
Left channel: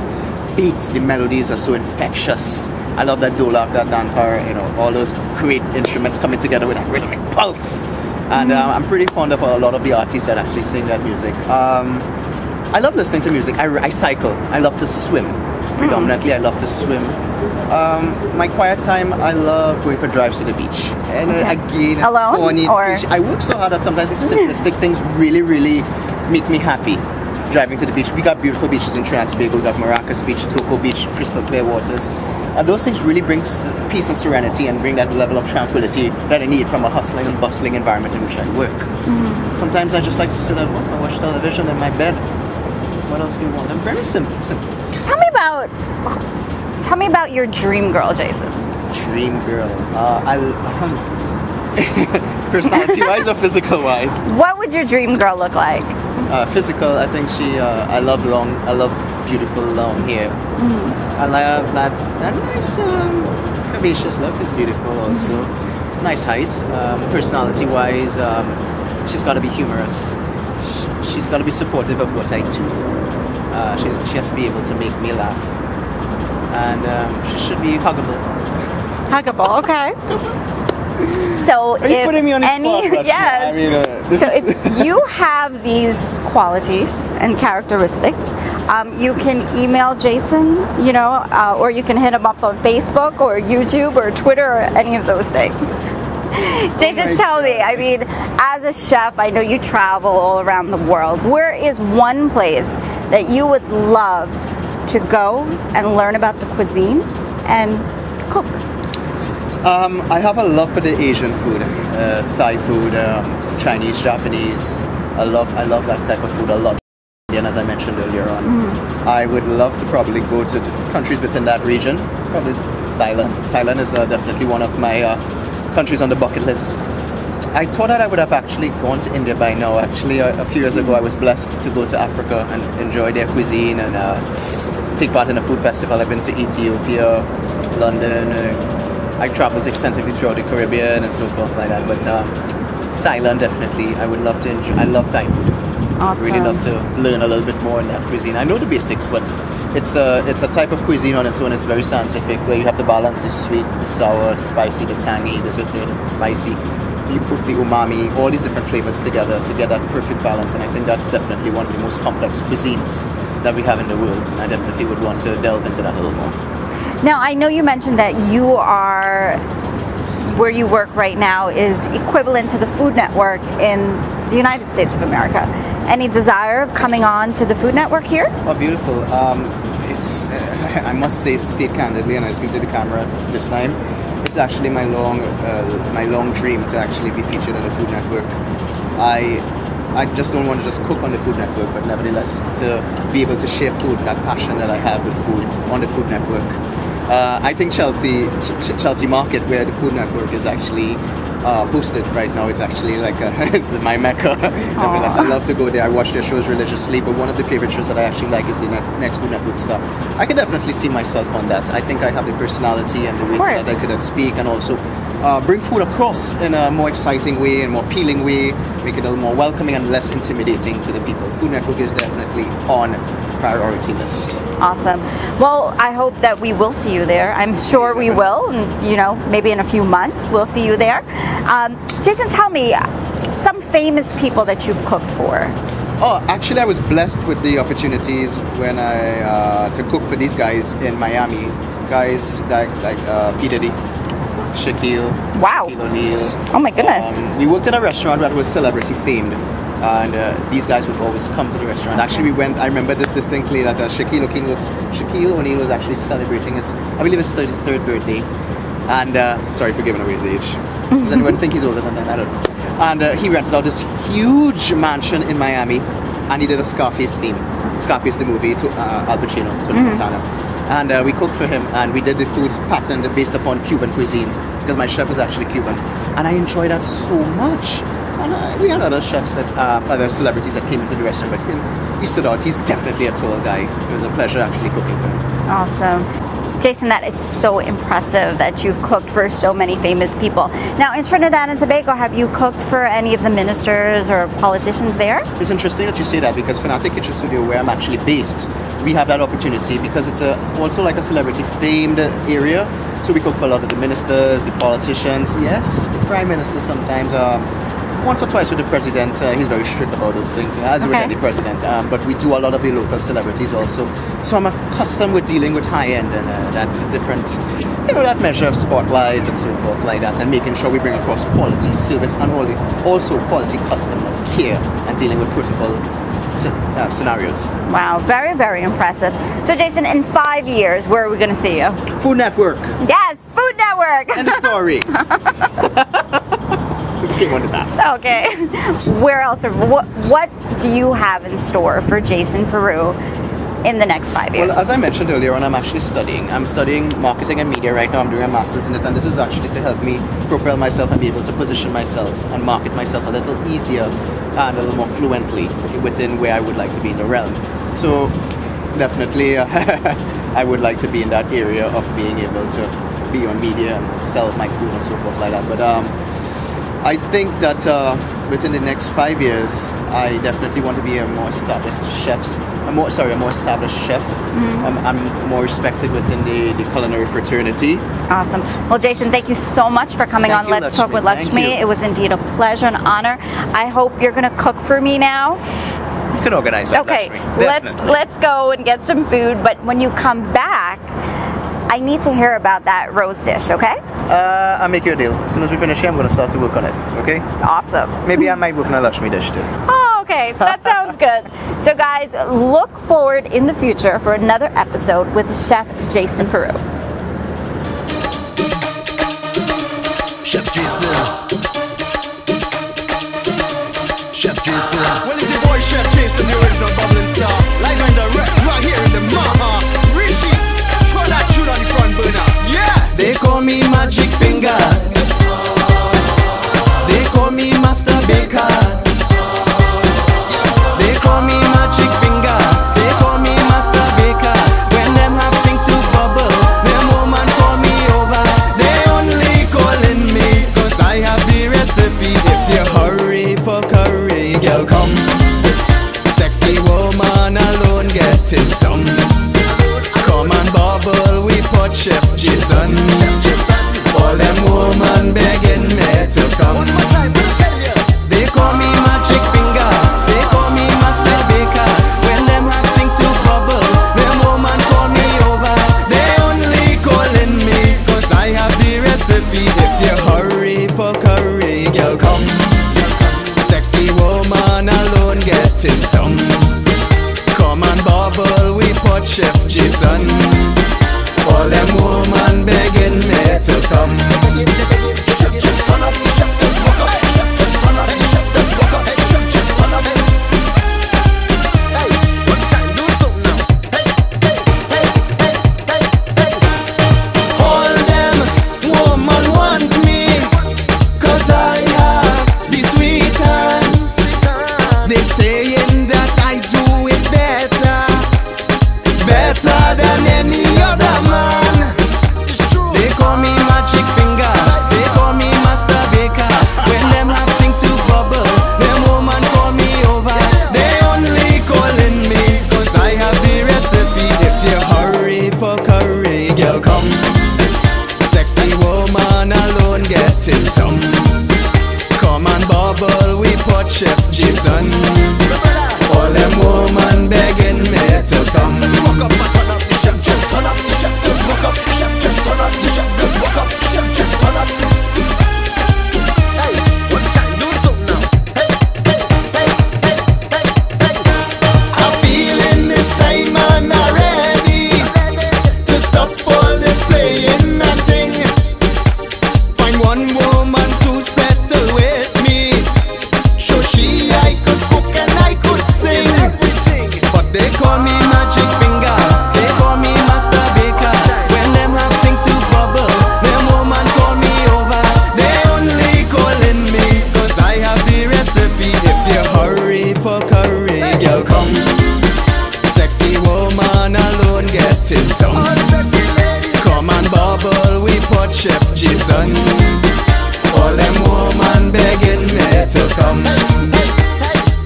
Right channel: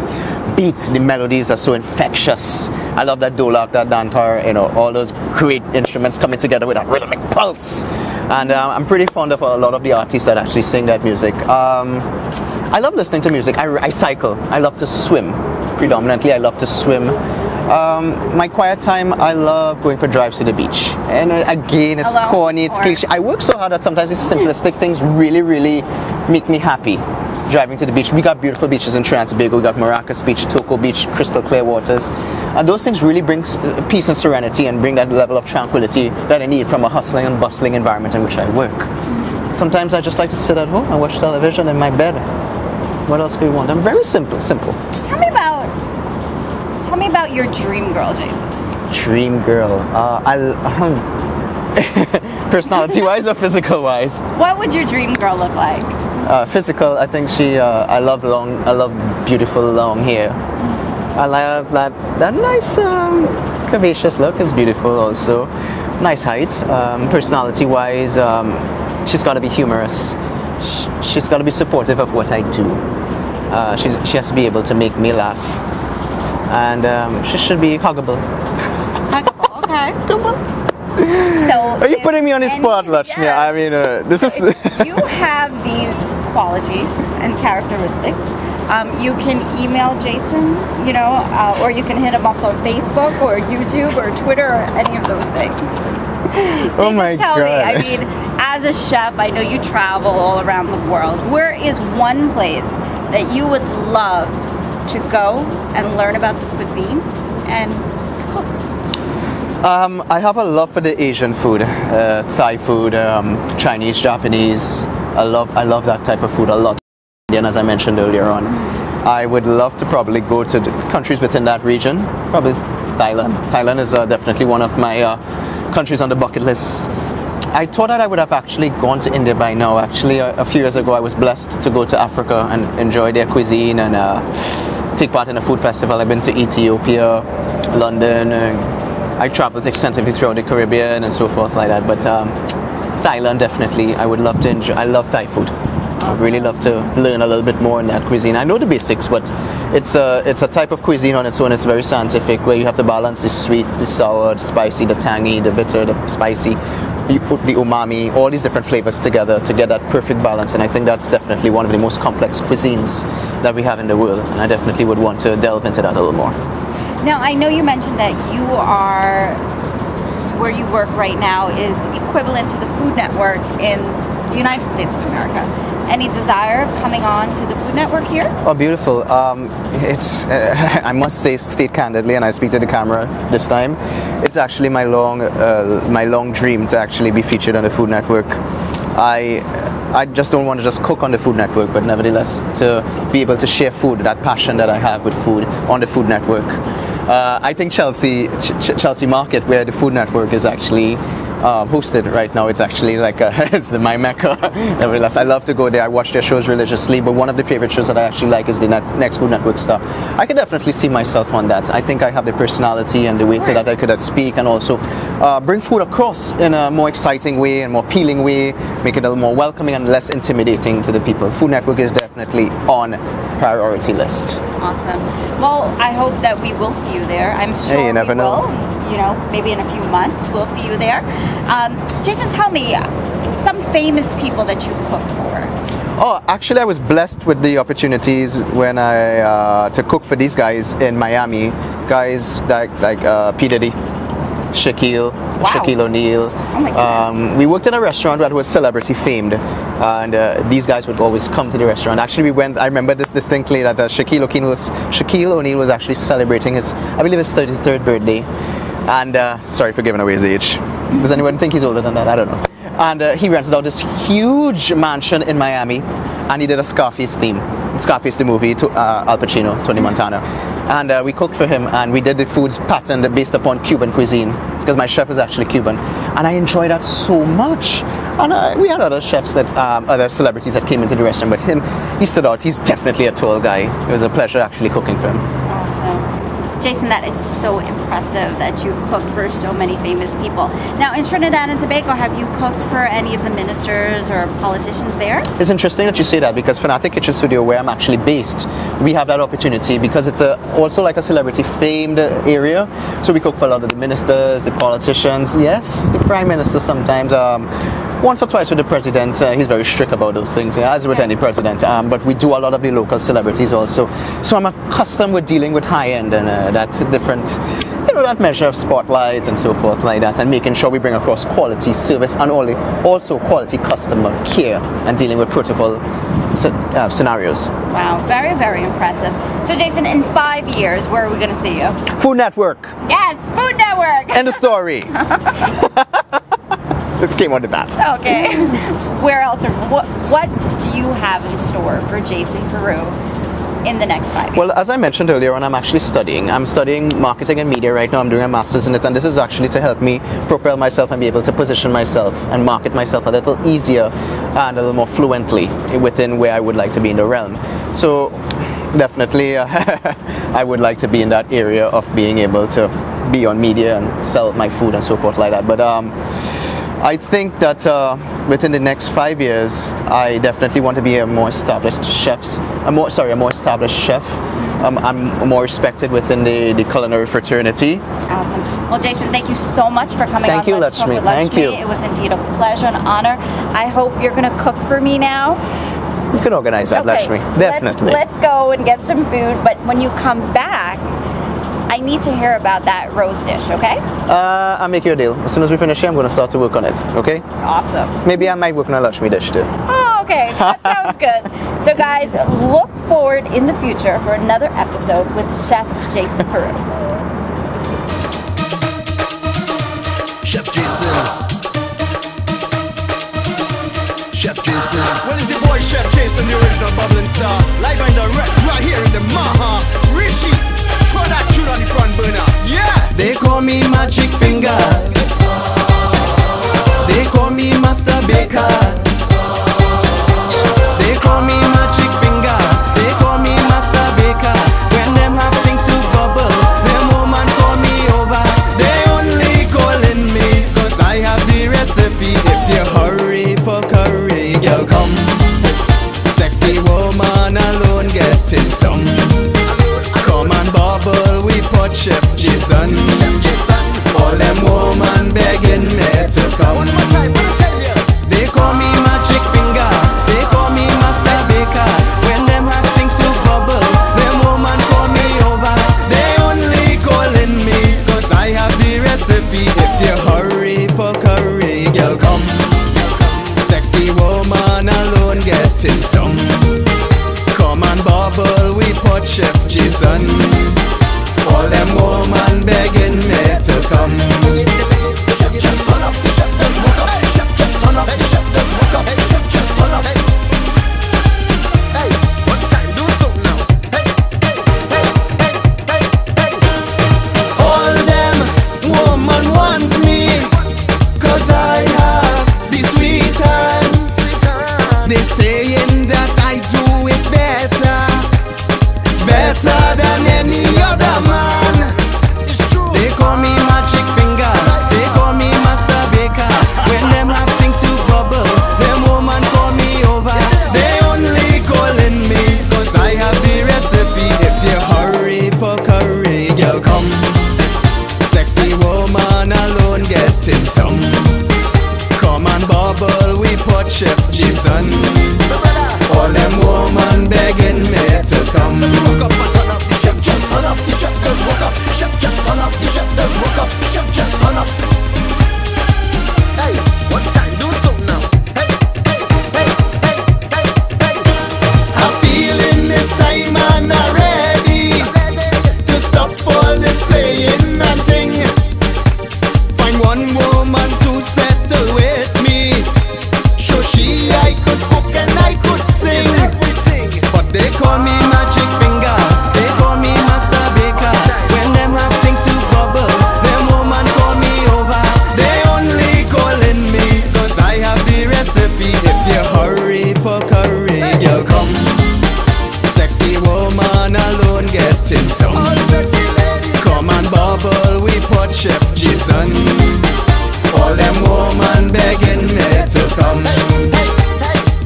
beat. The melodies are so infectious. I love that dolak, that dantar, all those great instruments coming together with a rhythmic pulse. And I'm pretty fond of a lot of the artists that actually sing that music. I love listening to music. I cycle. I love to swim. Predominantly, I love to swim. My quiet time, I love going for drives to the beach. And again, it's corny. It's cliche. I work so hard that sometimes the simplistic things really, really make me happy. Driving to the beach. We got beautiful beaches in Trinidad and Tobago. We got Maracas Beach, Toco Beach, crystal clear waters. And those things really bring peace and serenity and bring that level of tranquility that I need from a hustling and bustling environment in which I work. Sometimes I just like to sit at home and watch television in my bed. What else do we want? I'm very simple. Tell me about your dream girl, Jason. Dream girl. Personality-wise or physical-wise? What would your dream girl look like? Physical, I think I love beautiful long hair. I love that nice curvaceous look. It's beautiful also. Nice height. Personality-wise, she's got to be humorous. She's got to be supportive of what I do. She has to be able to make me laugh. And she should be huggable. Huggable, okay. Come on. So are you putting me on the spot, Lakshmee? Yes. I mean, if you have these qualities and characteristics, you can email Jason, or you can hit him up on Facebook or YouTube or Twitter or any of those things. Jason, tell me, I mean, as a chef, I know you travel all around the world. Where is one place that you would love to go and learn about the cuisine and cook? I have a love for the Asian food, Thai food, Chinese, Japanese. I love that type of food a lot. And as I mentioned earlier on, I would love to probably go to the countries within that region. Probably Thailand. Thailand is definitely one of my countries on the bucket list. I thought that I would have actually gone to India by now. Actually, a few years ago, I was blessed to go to Africa and enjoy their cuisine and take part in a food festival. I've been to Ethiopia, London. I traveled extensively throughout the Caribbean and so forth like that. But Thailand, definitely, I would love to enjoy. I love Thai food. I'd really love to learn a little bit more in that cuisine. I know the basics, but it's a type of cuisine on its own. It's very scientific, where you have to balance the sweet, the sour, the spicy, the tangy, the bitter, the spicy. You put the umami, all these different flavors together to get that perfect balance. And I think that's definitely one of the most complex cuisines that we have in the world. And I definitely would want to delve into that a little more. Now, I know you mentioned that you are, where you work right now is equivalent to the Food Network in the United States of America. Any desire of coming on to the Food Network here? Oh, beautiful. It's, I must say, state candidly, and I speak to the camera this time, it's actually my long dream to actually be featured on the Food Network. I just don't want to just cook on the Food Network, but nevertheless to be able to share food, that passion that I have with food on the Food Network. I think Chelsea Market, where the Food Network is actually hosted right now, it's actually like it's my mecca. Nevertheless, I love to go there. I watch their shows religiously, but one of the favorite shows that I actually like is the next Food Network star. I could definitely see myself on that. I think I have the personality and the way that I could speak and also bring food across in a more exciting way and more appealing way, make it a little more welcoming and less intimidating to the people. Food Network is definitely on priority list. Awesome. Well, I hope that we will see you there. I'm sure we will. You know, maybe in a few months we'll see you there. Jason, tell me some famous people that you've cooked for. Oh, actually, I was blessed with the opportunities when I to cook for these guys in Miami. Guys like P. Diddy, Shaquille O'Neal. Oh my goodness. We worked at a restaurant that was celebrity famed, and these guys would always come to the restaurant. Actually, I remember this distinctly, that Shaquille O'Neal was actually celebrating his, I believe, his 33rd birthday. And sorry for giving away his age. Does anyone think he's older than that? I don't know. And he rented out this huge mansion in Miami, and he did a Scarface theme. Scarface the movie, to Al Pacino, Tony Montana. And we cooked for him, and we did the foods patterned based upon Cuban cuisine, because my chef is actually Cuban. And I enjoyed that so much. And we had other chefs, other celebrities that came into the restaurant, but he stood out. He's definitely a tall guy. It was a pleasure actually cooking for him. Awesome. Jason, that is so impressive that you've cooked for so many famous people. Now, in Trinidad and Tobago, have you cooked for any of the ministers or politicians there? It's interesting that you say that, because Fanatic Kitchen Studio, where I'm actually based, we have that opportunity because it's also like a celebrity-famed area. So we cook for a lot of the ministers, the politicians. Yes, the Prime Minister sometimes. Once or twice with the president. He's very strict about those things, as with any president. But we do a lot of the local celebrities also. So I'm accustomed with dealing with high-end and that different, that measure of spotlight and so forth like that, and making sure we bring across quality service and also quality customer care and dealing with protocol scenarios. Wow, very, very impressive. So Jason, in 5 years, where are we going to see you? Food Network. Yes, Food Network. End of story. Let's game on the bat. Okay. Where else? What do you have in store for Jasonperu in the next 5 years? Well, as I mentioned earlier on, I'm actually studying. I'm studying marketing and media right now. I'm doing a master's in it, and this is actually to help me propel myself and be able to position myself and market myself a little easier and a little more fluently within where I would like to be in the realm. So definitely I would like to be in that area of being able to be on media and sell my food and so forth like that. But I think that within the next 5 years, I definitely want to be a more established chef. I'm more established chef. I'm more respected within the culinary fraternity. Awesome. Well, Jason, thank you so much for coming on Let's Talk with Lakshmee. It was indeed a pleasure and honor. I hope you're going to cook for me now. We can organize that, Lakshmee. Definitely. Let's go and get some food. But when you come back, I need to hear about that rose dish, okay? I'll make you a deal. As soon as we finish here, I'm going to start to work on it, okay? Awesome. Maybe I might work on a Lakshmee dish too. Oh, okay. That sounds good. So guys, look forward in the future for another episode with Chef Jason Peru. Chef Jason. Chef Jason. Well, it's your boy Chef Jason, the original bubbling star. Live and direct right here in the Maha. Rishi, throw that tune on the front burner. Yeah! They call me Magic Finger. They call me Master Baker. They call me Magic Finger. They call me Master Baker. When them have thing to bubble, them woman call me over. They only calling me cause I have the recipe. If you hurry for curry, girl, come. Sexy woman alone getting some. Come and bubble, we put Chef Jason. All them woman begging me to come. One more time, what I tell you? They call me Magic Finger. They call me Master Baker. When them have thing to bubble, them woman call me over. They only calling me cause I have the recipe. If you hurry for curry, girl, come. Sexy woman alone getting some. Come and bubble, we put Chef Jason. All them woman begging me to come. Chef just turn up, chef just walk up. Chef just turn up, chef just walk up. Chef just turn up. Hey, one time, do something now. Hey. All them woman want me cause I have the sweet hand. They saying that I do it better than any other man. They call me Magic Finger. They call me Master Baker. When them have thing to bubble, them woman call me over. They only calling me cause I have the recipe. If you hurry for curry, girl, come. Sexy woman alone getting some. Come and bubble, we put Chef Jason. All them woman begging me to come. Walk up and turn up, the chef just turn up. The chef does walk up, the chef just turn up. The chef does walk up, the chef just turn up. Hey, one time, do something now. Hey. I'm feeling this time and I'm ready to stop all this playing and thing. Find one woman to settle with me. Show she I could cook and I could sing. But they call me Magic Finger. They call me Master Baker. When them have thing to bubble, them woman call me over. They only calling me cause I have the recipe. If you hurry for curry, girl, come. Sexy woman alone getting some. Come and bubble, we put Chef Jason. All them woman begging me to come.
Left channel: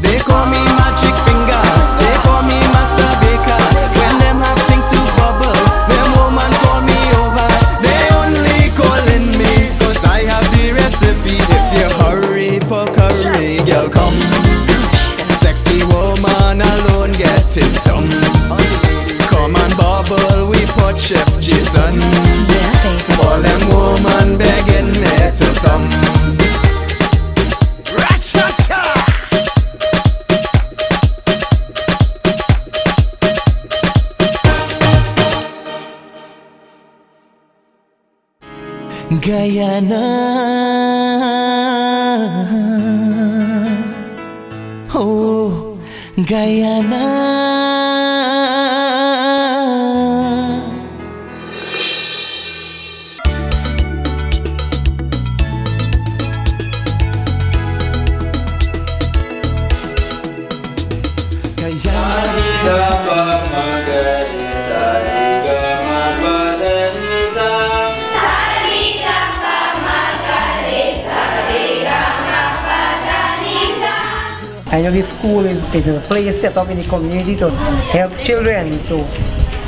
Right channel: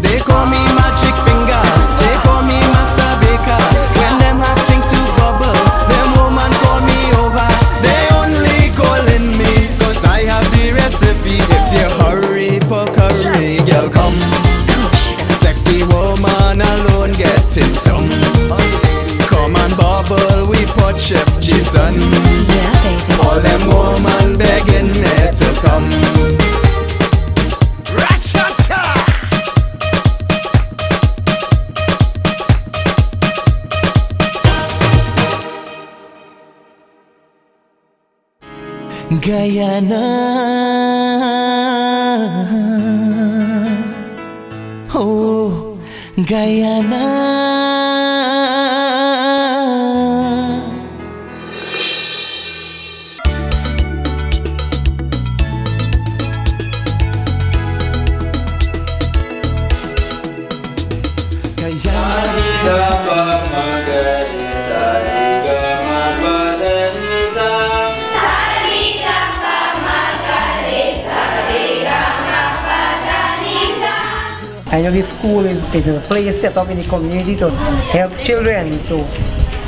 They call me Magic Finger. They call me Master Baker. When them have thing to bubble, them woman call me over. They only calling me cause I have the recipe. If you hurry for curry, girl, come. Sexy woman alone getting some. Come and bubble, we put Chef Jason. All them woman begging me to come. Ra-cha-cha! Guyana, oh, Guyana. I know this school is a place set up in the community to help children to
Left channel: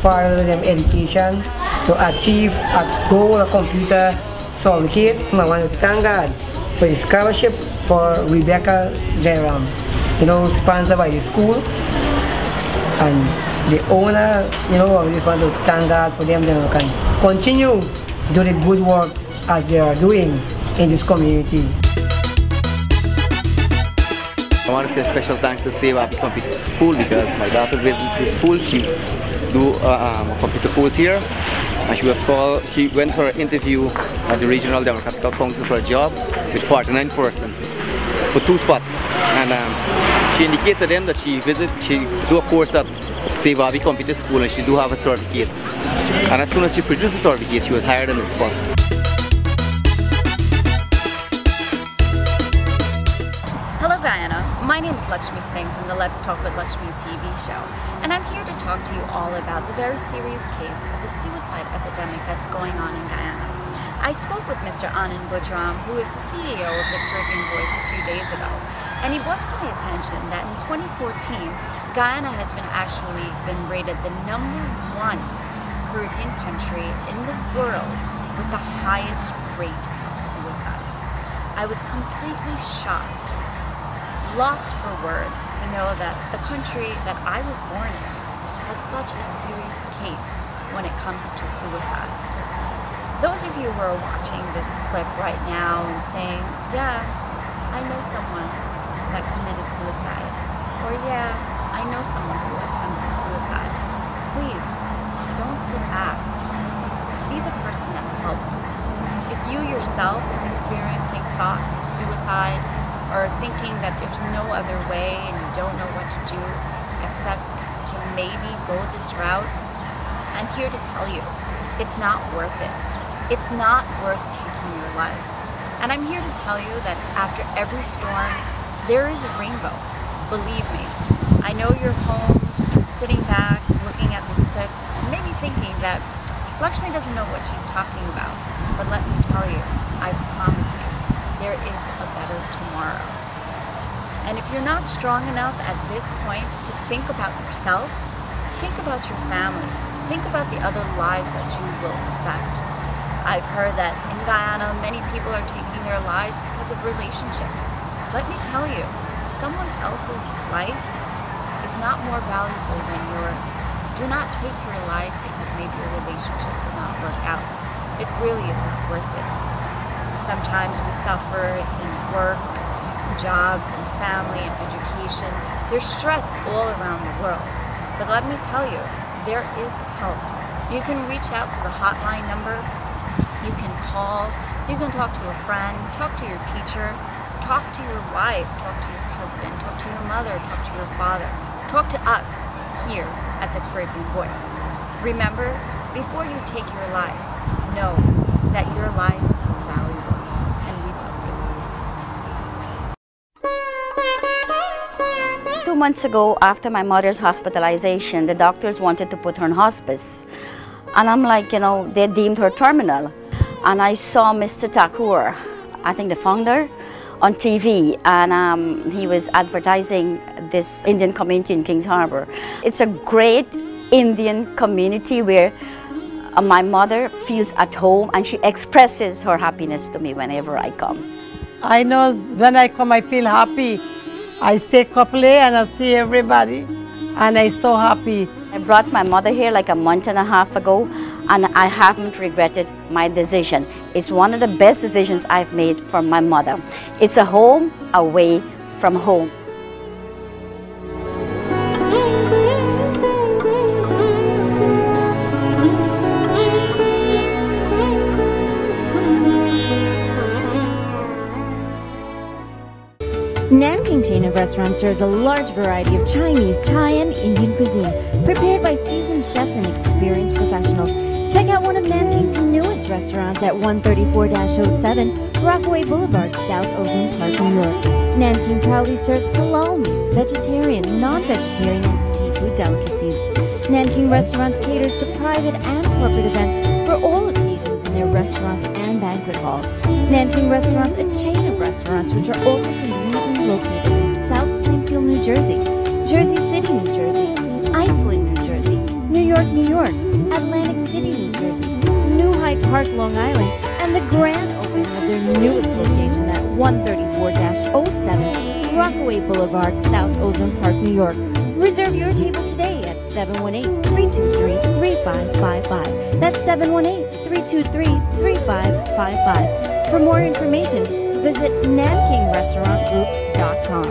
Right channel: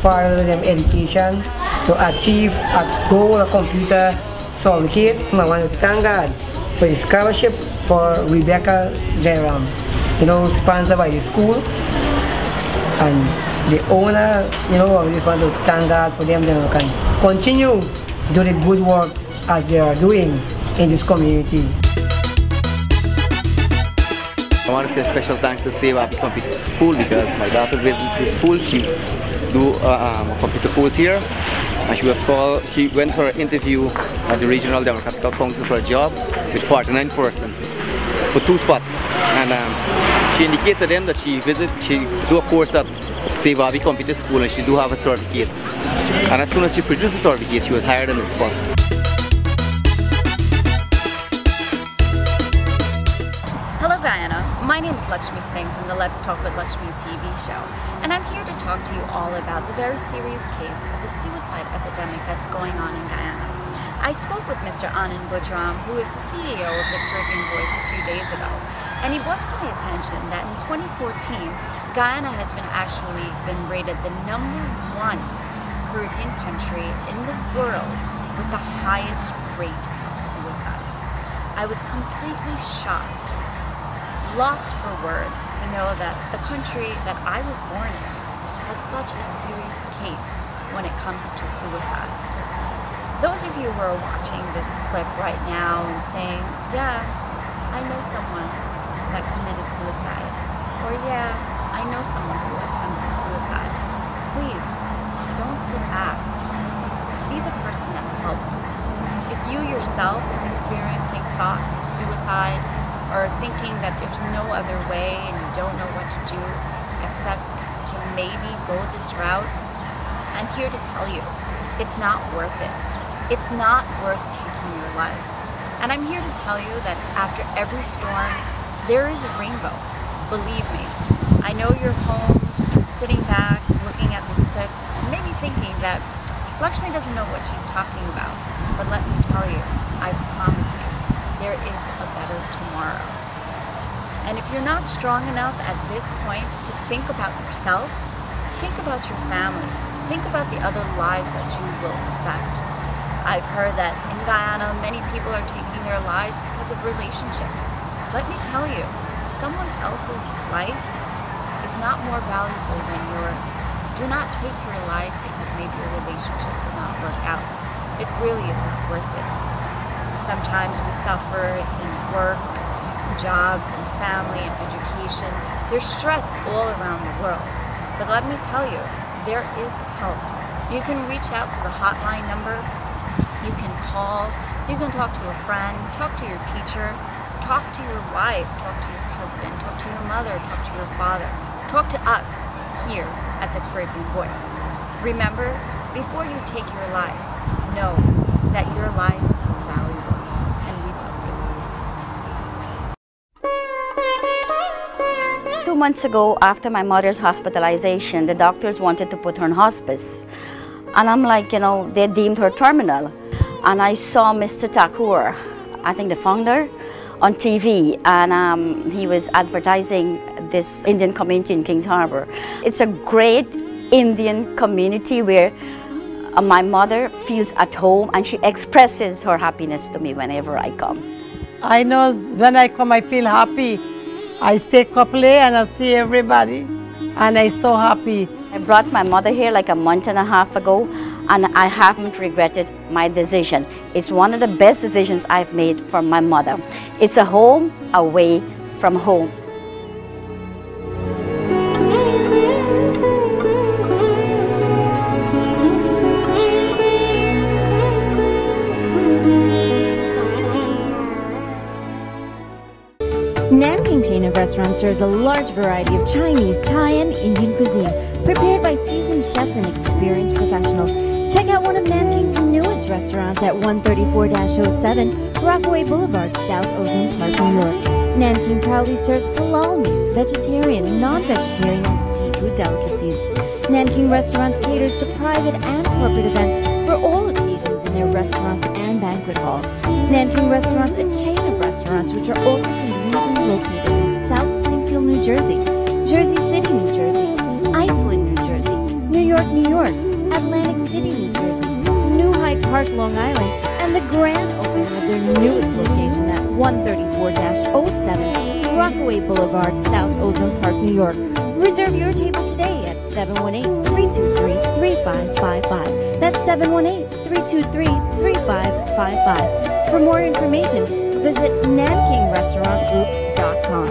further their education, to achieve a goal, a computer solved. I want to thank God for the scholarship for Rebecca Jairam, sponsored by the school. And the owner, I just want to thank God for them that can continue to do the good work as they are doing in this community. I want to say a special thanks to Save Happy Computer School because my daughter visited the school. She do a computer course here, and she went for an interview at the Regional Democratic Council for a job with 49 persons for 2 spots. And she indicated to them that she do a course at Save Happy Computer School and she do have a certificate. And as soon as she produced the certificate, she was hired on the spot. Hello Guyana, my name is Lakshmee Singh from the Let's Talk with Lakshmee TV show, and I'm here to talk to you all about the very serious case of the suicide epidemic that's going on in Guyana. I spoke with Mr. Anand Budram, who is the CEO of the Caribbean Voice, a few days ago, and he brought to my attention that in 2014, Guyana has been rated the #1 Caribbean country in the world with the highest rate of suicide. I was completely shocked, lost for words to know that the country that I was born in has such a serious case when it comes to suicide. Those of you who are watching this clip right now and saying, yeah, I know someone that committed suicide, or yeah, I know someone who attempted suicide, please don't sit back. Be the person that helps. If you yourself is experiencing thoughts of suicide or thinking that there's no other way and you don't know what to do except to maybe go this route, I'm here to tell you, it's not worth it. It's not worth taking your life. And I'm here to tell you that after every storm, there is a rainbow. Believe me. I know you're home, sitting back, looking at this clip, and maybe thinking that Lakshmi doesn't know what she's talking about. But let me tell you, I promise you, there is a better tomorrow. And if you're not strong enough at this point to think about yourself, think about your family. Think about the other lives that you will affect. I've heard that in Guyana, many people are taking their lives because of relationships. Let me tell you, someone else's life is not more valuable than yours. Do not take your life because maybe your relationship did not work out. It really is not worth it. Sometimes we suffer in work, jobs, and family, and education. There's stress all around the world. But let me tell you, there is help. You can reach out to the hotline number. You can call. You can talk to a friend, talk to your teacher, talk to your wife, talk to your husband, talk to your mother, talk to your father. Talk to us here at the Caribbean Voice. Remember, before you take your life, know that your life is valuable, and we love you. 2 months ago, after my mother's hospitalization, the doctors wanted to put her on hospice. And I'm like, you know, they deemed her terminal. And I saw Mr. Thakur, I think the founder, on TV, and he was advertising this Indian community in Kings Harbor. It's a great Indian community where my mother feels at home and she expresses her happiness to me whenever I come. I know when I come I feel happy. I stay couple and I see everybody and I'm so happy. I brought my mother here like a month and a half ago and I haven't regretted my decision. It's one of the best decisions I've made for my mother. It's a home away from home. Nanking chain of restaurants serves a large variety of Chinese, Thai, and Indian cuisine, prepared by seasoned chefs and experienced professionals. Check out one of Nanking's newest restaurants at 134-07 Rockaway Boulevard, South Ozone Park, New York. Nanking proudly serves halal meats, vegetarian, non-vegetarian, and seafood delicacies. Nanking Restaurants caters to private and corporate events for all occasions in their restaurants and banquet halls. Nanking Restaurants, a chain of restaurants which are also conveniently located in South Springfield, New Jersey, Jersey City, New Jersey, Iceland, New Jersey, New York, New York, Atlantic City, New Jersey, New Hyde Park, Long Island, and the grand opening of their newest location at 134-07 Rockaway Boulevard, South Ozone Park, New York. Reserve your table today at 718-323-3555. That's 718-323-3555. For more information, visit nankingRestaurantGroup.com.